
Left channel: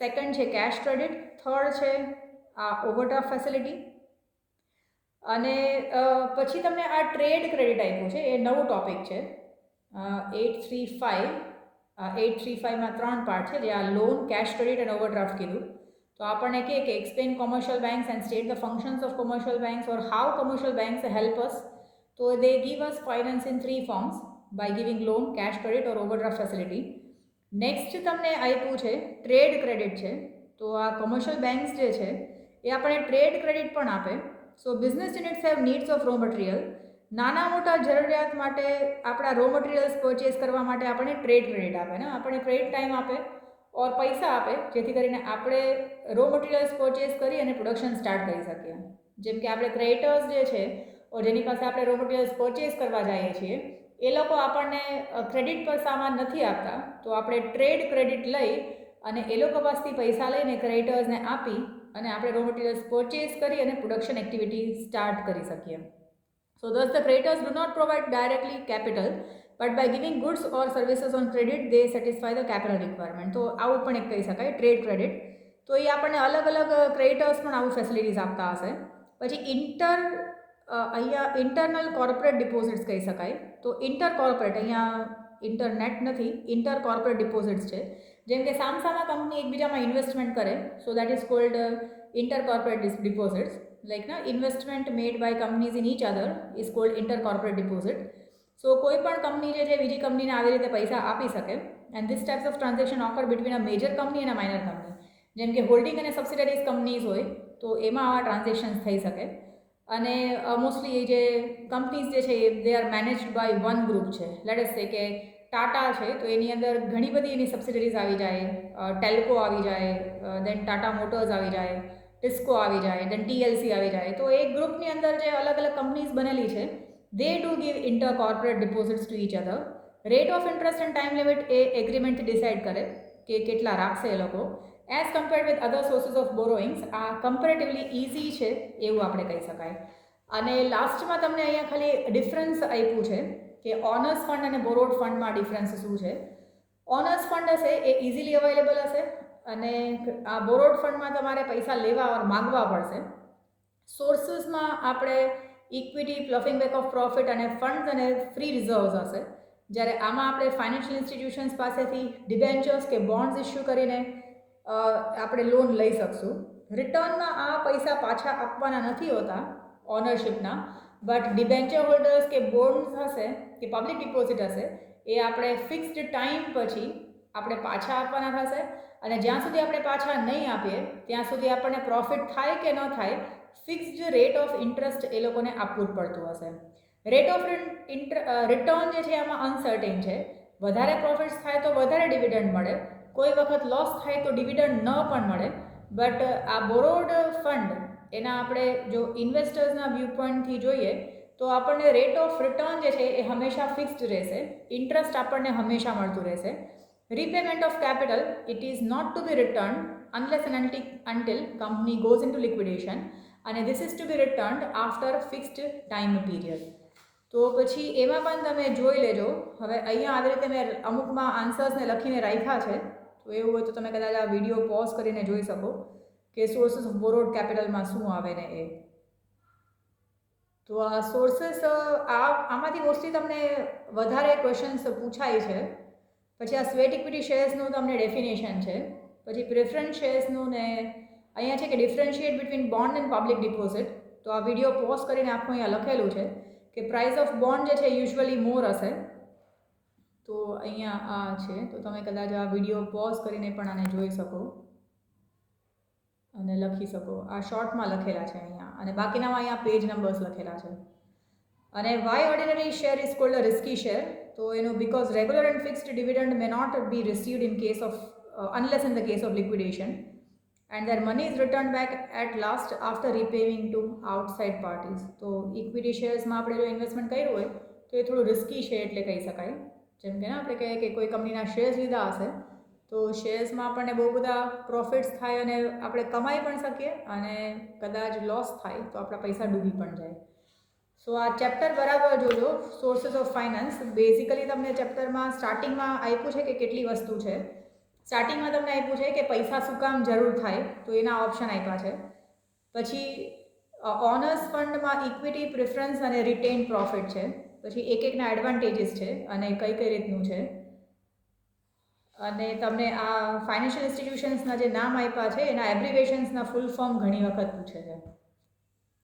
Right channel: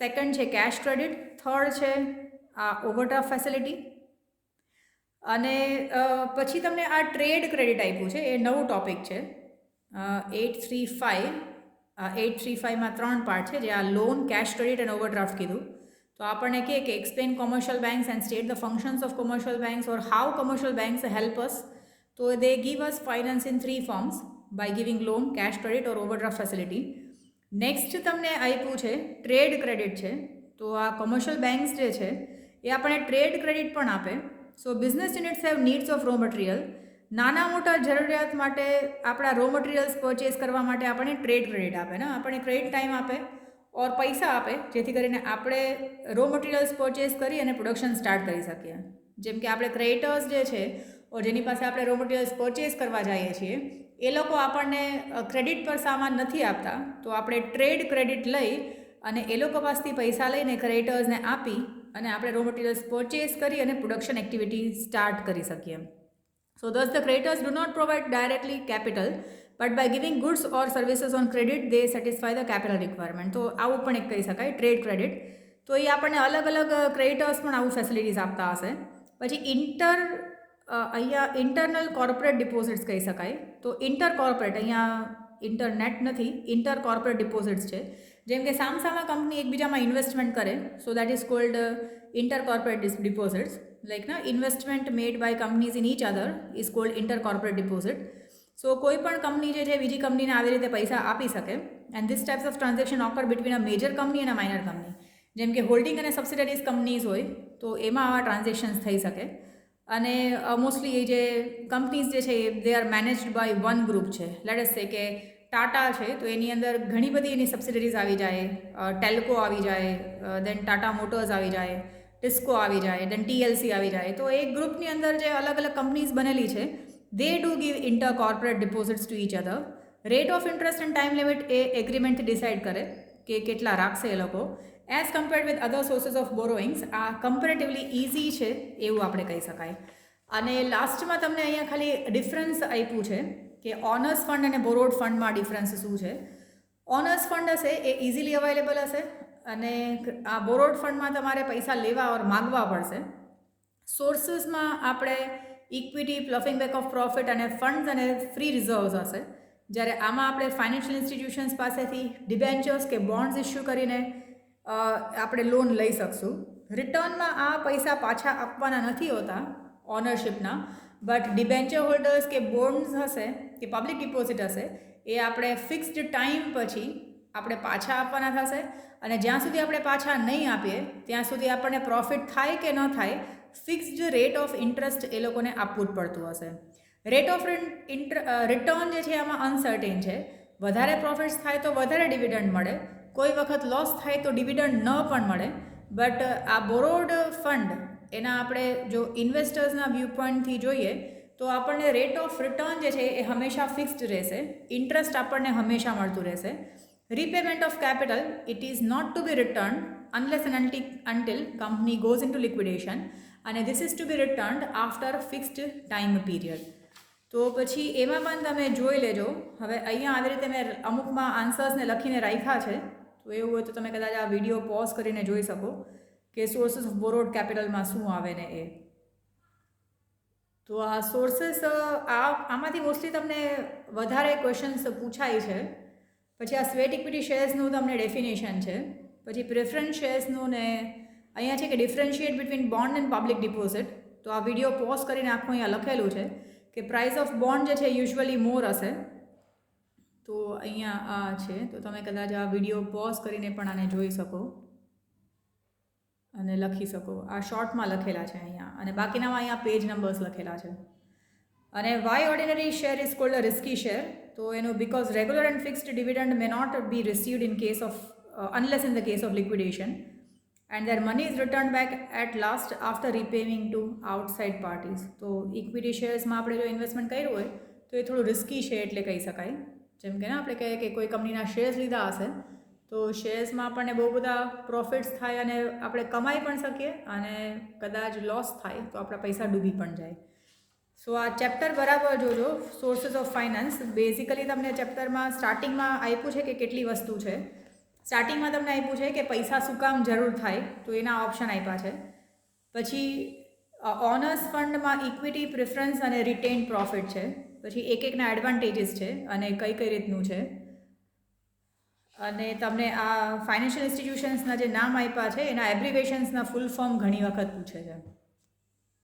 સેકન્ડ છે કેશ ક્રેડિટ, થર્ડ છે આ ઓવરડ્રાફ્ટ ફેસિલિટી, અને પછી તમને આ ટ્રેડ ક્રેડિટ આપ્યું છે. એ નવું ટોપિક છે. 835માં 3 પાર્ટ છે, જે આ લોન, કેશ ક્રેડિટ અને ઓવરડ્રાફ્ટ કીધું. તો આપણને કહે કે explain commercial banks and state the functions of commercial banks or how commercial banks help us. તો they give us finance in 3 forms by giving loan, cash credit or overdraft facility. Next તમને આપ્યું છે trade credit છે. તો આ commercial banks જે છે એ આપણને ટ્રેડ ક્રેડિટ પણ આપે. So business units have needs of raw material. નાના મોટા જરૂરિયાત માટે આપણા રો મટીરિયલ્સ પરચેસ કરવા માટે આપણને ટ્રેડ ક્રેડિટ આપે ને, આપણને ક્રેડિટ ટાઈમ આપે ઓર પૈસા આપે, જેથી કરીને આપણે રો મટીરિયલ્સ પરચેસ કરી અને પ્રોડક્શન સ્ટાર્ટ કરી શકીએ. જેમ કે આપણે ક્રેડિટર્સ જે છે ઓર જેની પાસે આપણે રો મટીરિયલ્સ પરચેસ કરવા જઈએ છીએ એ લોકો આપણને ક્રેડિટ પર સામાન નથી આપતા, તો આપણે ટ્રેડ ક્રેડિટ લઈ અને એ લોકો પાસેથી પૈસા લઈને ક્રેડિટર્સને આપી અને આપણે રો મટીરિયલ્સ પરચેસ કરી અને પ્રોડક્શન એક્ટિવિટી સ્ટાર્ટ કરી શકીએ. સો thus the creditors do not provide directly capital, but by giving goods or services on credit they satisfy the capital requirement. તો આવું પણ એક કહી શકાય ટ્રેડ ક્રેડિટ. તો એ આપણને અલગ અલગ ક્રેડિટર્સ પણ આવું ફેસિલિટીઝ આપતા હશે. પછી અહીંયા ઇન્ટરનલ કોર્પોરેટ ડિપોઝિટ્સ કહી શકાય. તો ઇન્ટર કોર્પોરેટ, અહીંયા ઇન્ટરનેટ નથી, ઇન્ટર કોર્પોરેટ ડિપોઝિટ્સ છે. જેમ કે સામસામા કંપની એકબીજામાં ઇન્વેસ્ટમેન્ટ કરે, so that is called inter corporate deposits. Like ના investment made by companies in each other is called inter corporate deposit. So કોઈ પણ કંપની જે છે બીજી કંપનીને આવી રીતે પૈસા આપી શકે. And this types of transaction occur between a major company અને માઇનર કંપની. જેમ કે હોલ્ડિંગ અને સબસિડરીઝ કંપનીઝ હોય તો એમાં આવા ટ્રાન્ઝેક્શન્સ થઈ શકે. અને મોસ્ટલી એ જે કંપનીઝ જે છે they are managed by one group છે. લેટ અસ સે કે ટાટા છે તો એની અંદર ઘણી બધી એની સબસિડરીઝ આવી જાય, ટેલ્કો આવી જાય, દેન ટાટા મોટર્સ આવી જાય, ટિસ્કો આવી જાય, દેન ટીએલસી આવી જાય. તો એક ગ્રુપની અંદર જે અલગ અલગ કંપનીઝ બનેલી છે they do give inter corporate deposits to each other. Rate of interest and time limit એ એગ્રીમેન્ટથી ડિસાઇડ કરે કે કેટલા રાખશે એ લોકો. As compared with other sources of borrowings આ કમ્પેરેટિવલી ઇઝી છે એવું આપણે કહી શકાય. અને લાસ્ટમાં તમને અહીંયા ખાલી ડિફરન્સ આપ્યું છે કે ઓનર્સ ફંડ અને બોરોડ ફંડમાં ડિફરન્સ શું છે. ઓનર્સ ફંડ હશે એ ઇઝીલી અવેલેબલ હશે અને આ બોરોડ ફંડમાં તમારે પૈસા લેવા ઓર માગવા પડશે. સોર્સિસમાં આપણે ઇક્વિટી, પ્લફિંગ બેક ઓફ પ્રોફિટ અને ફંડ્સ અને ફ્રી રિઝર્વ્સ હશે. જ્યારે આમાં આપણે ફાઇનાન્શિયલ ઇન્સ્ટિટ્યુશન્સ પાસેથી ડિબેન્ચર્સ કે બોન્ડ્સ ઇસ્યુ કરીને આપણે લોન લઈ શકશું. રિટર્નમાં આ પૈસા પાછા આપવાના નથી હોતા ઓનરશિપના, બટ ડિબેન્ચર હોલ્ડર્સ કે બોન્ડ્સ હશે કે પબ્લિક ડિપોઝિટ હશે એ આપણે ફિક્સ્ડ ટાઈમ પછી આપણે પાછા આપવાના થશે અને જ્યાં સુધી આપણે પાછા નહીં આપીએ ત્યાં સુધી આપણને પ્રોફિટ થાય કે ન થાય ફિક્સ્ડ રેટ ઓફ ઇન્ટરેસ્ટ એ લોકોને આપવું જ પડતું હશે. રેટ ઓફ રિટર્ન જે છે આમાં અનસર્ટેન છે. વધારે પ્રોફિટ્સ થાય તો વધારે ડિવિડન્ડ મળે, કોઈ વખત લોસ થાય તો ડિવિડન્ડ ન પણ મળે. બટ આ બોરોડ ફંડ એના આપણે જો ઇન્વેસ્ટર્સના વ્યૂ પોઈન્ટથી જોઈએ તો આપણને રેટ ઓફ રિટર્ન જે છે એ હંમેશા ફિક્સ્ડ રહેશે, ઇન્ટરેસ્ટ આપણને હંમેશા મળતું રહેશે. Repayment of capital it is not to be return unless and until company goes in two liquidation અને this is to be return after fixed time period. તો પછી એમાં પણ તમે જોઈ લેજો. હવે અહીંયા આવી રીતે મેં અમુકમાં આન્સર્સને લખીને રાખ્યા છે, તો એવું હોય તો તમે કદાચ આ વિડીયો પોઝ કરીને જોઈ શકો કે સોર્સિસ ઓફ બોરોડ કેપિટલમાં શું આવે ને એ. તો આ સોર્સિસ આમાંથી મોસ્ટલી તમને વધારે ક્વેશ્ચન્સ પૂછાય છે. પછી આ સ્વેટ ઇક્વિટી શેર્સનું તમને ડેફિનેશન છે. પછી પ્રેફરન્સ શેર્સનું ને અહીંયા છે કે differentiate between bond and public deposit. તો આ વિડીયો પોઝ કરીને આખું અહીંયા લખેલું છે કે પ્રાઇસ ઓફ બોન્ડ જે છે યુઝ્યુઅલી મોર હશે. તો અહીંયા આ છે, તો તમે કદાચ આ વિડીયો પોઝ કરીને પણ આને જોઈ શકો અને લખી શકો. આ શોર્ટમાં લખેલા છે અહીંયા અને બાકીનામાં અહીંયા પેજ નંબર્સ લખેલા છે. અને why ordinary share is called a risky share. તો એનું because regular and fixed dividend may not be received in case of unless in the case of liquidation and their money is returned back at last after repaying to outside parties. તો equity શેર્સમાં આપણે જો investment કર્યું હોય તો એ થોડું risky છે એટલે કહી શકાય. જેમ કે આપણે કહીએ કે કોઈ કંપનીના શેર્સ લીધા હશે તો શેર્સમાં આપણને બહુ બધા પ્રોફિટ્સ થાય અને આપણે કમાઈ પણ શકીએ અને કદાચ લોસ થાય તો આપણા પૈસા ડૂબી પણ જાય. સો આ ચેપ્ટર બરાબર જોજો, સોર્સિસ ઓફ ફાઇનાન્સ. બેઝિકલી તમને ચેપ્ટરમાં સ્ટાર્ટિંગમાં આપ્યું છે કે કેટલી વસ્તુ છે. સ્ટાર્ટિંગમાં તમને આપ્યું છે કે પૈસા શું કામ જરૂર થાય, તો એના ઓપ્શન આપ્યા છે. પછી ઓનર્સ ફંડમાં ઇક્વિટી, પ્રિફરન્સ અને રિટેન પ્રોફિટ છે. પછી એકના એડવાન્ટેજીસ છે અને કઈ કઈ રીતનું છે. અને તમને આ ફાઇનાન્શિયલ ઇન્સ્ટિટ્યુશન્સના જે નામ આપ્યા છે એના એબ્રિવેશન્સના ફૂલ ફોર્મ ઘણી વખત પૂછે છે.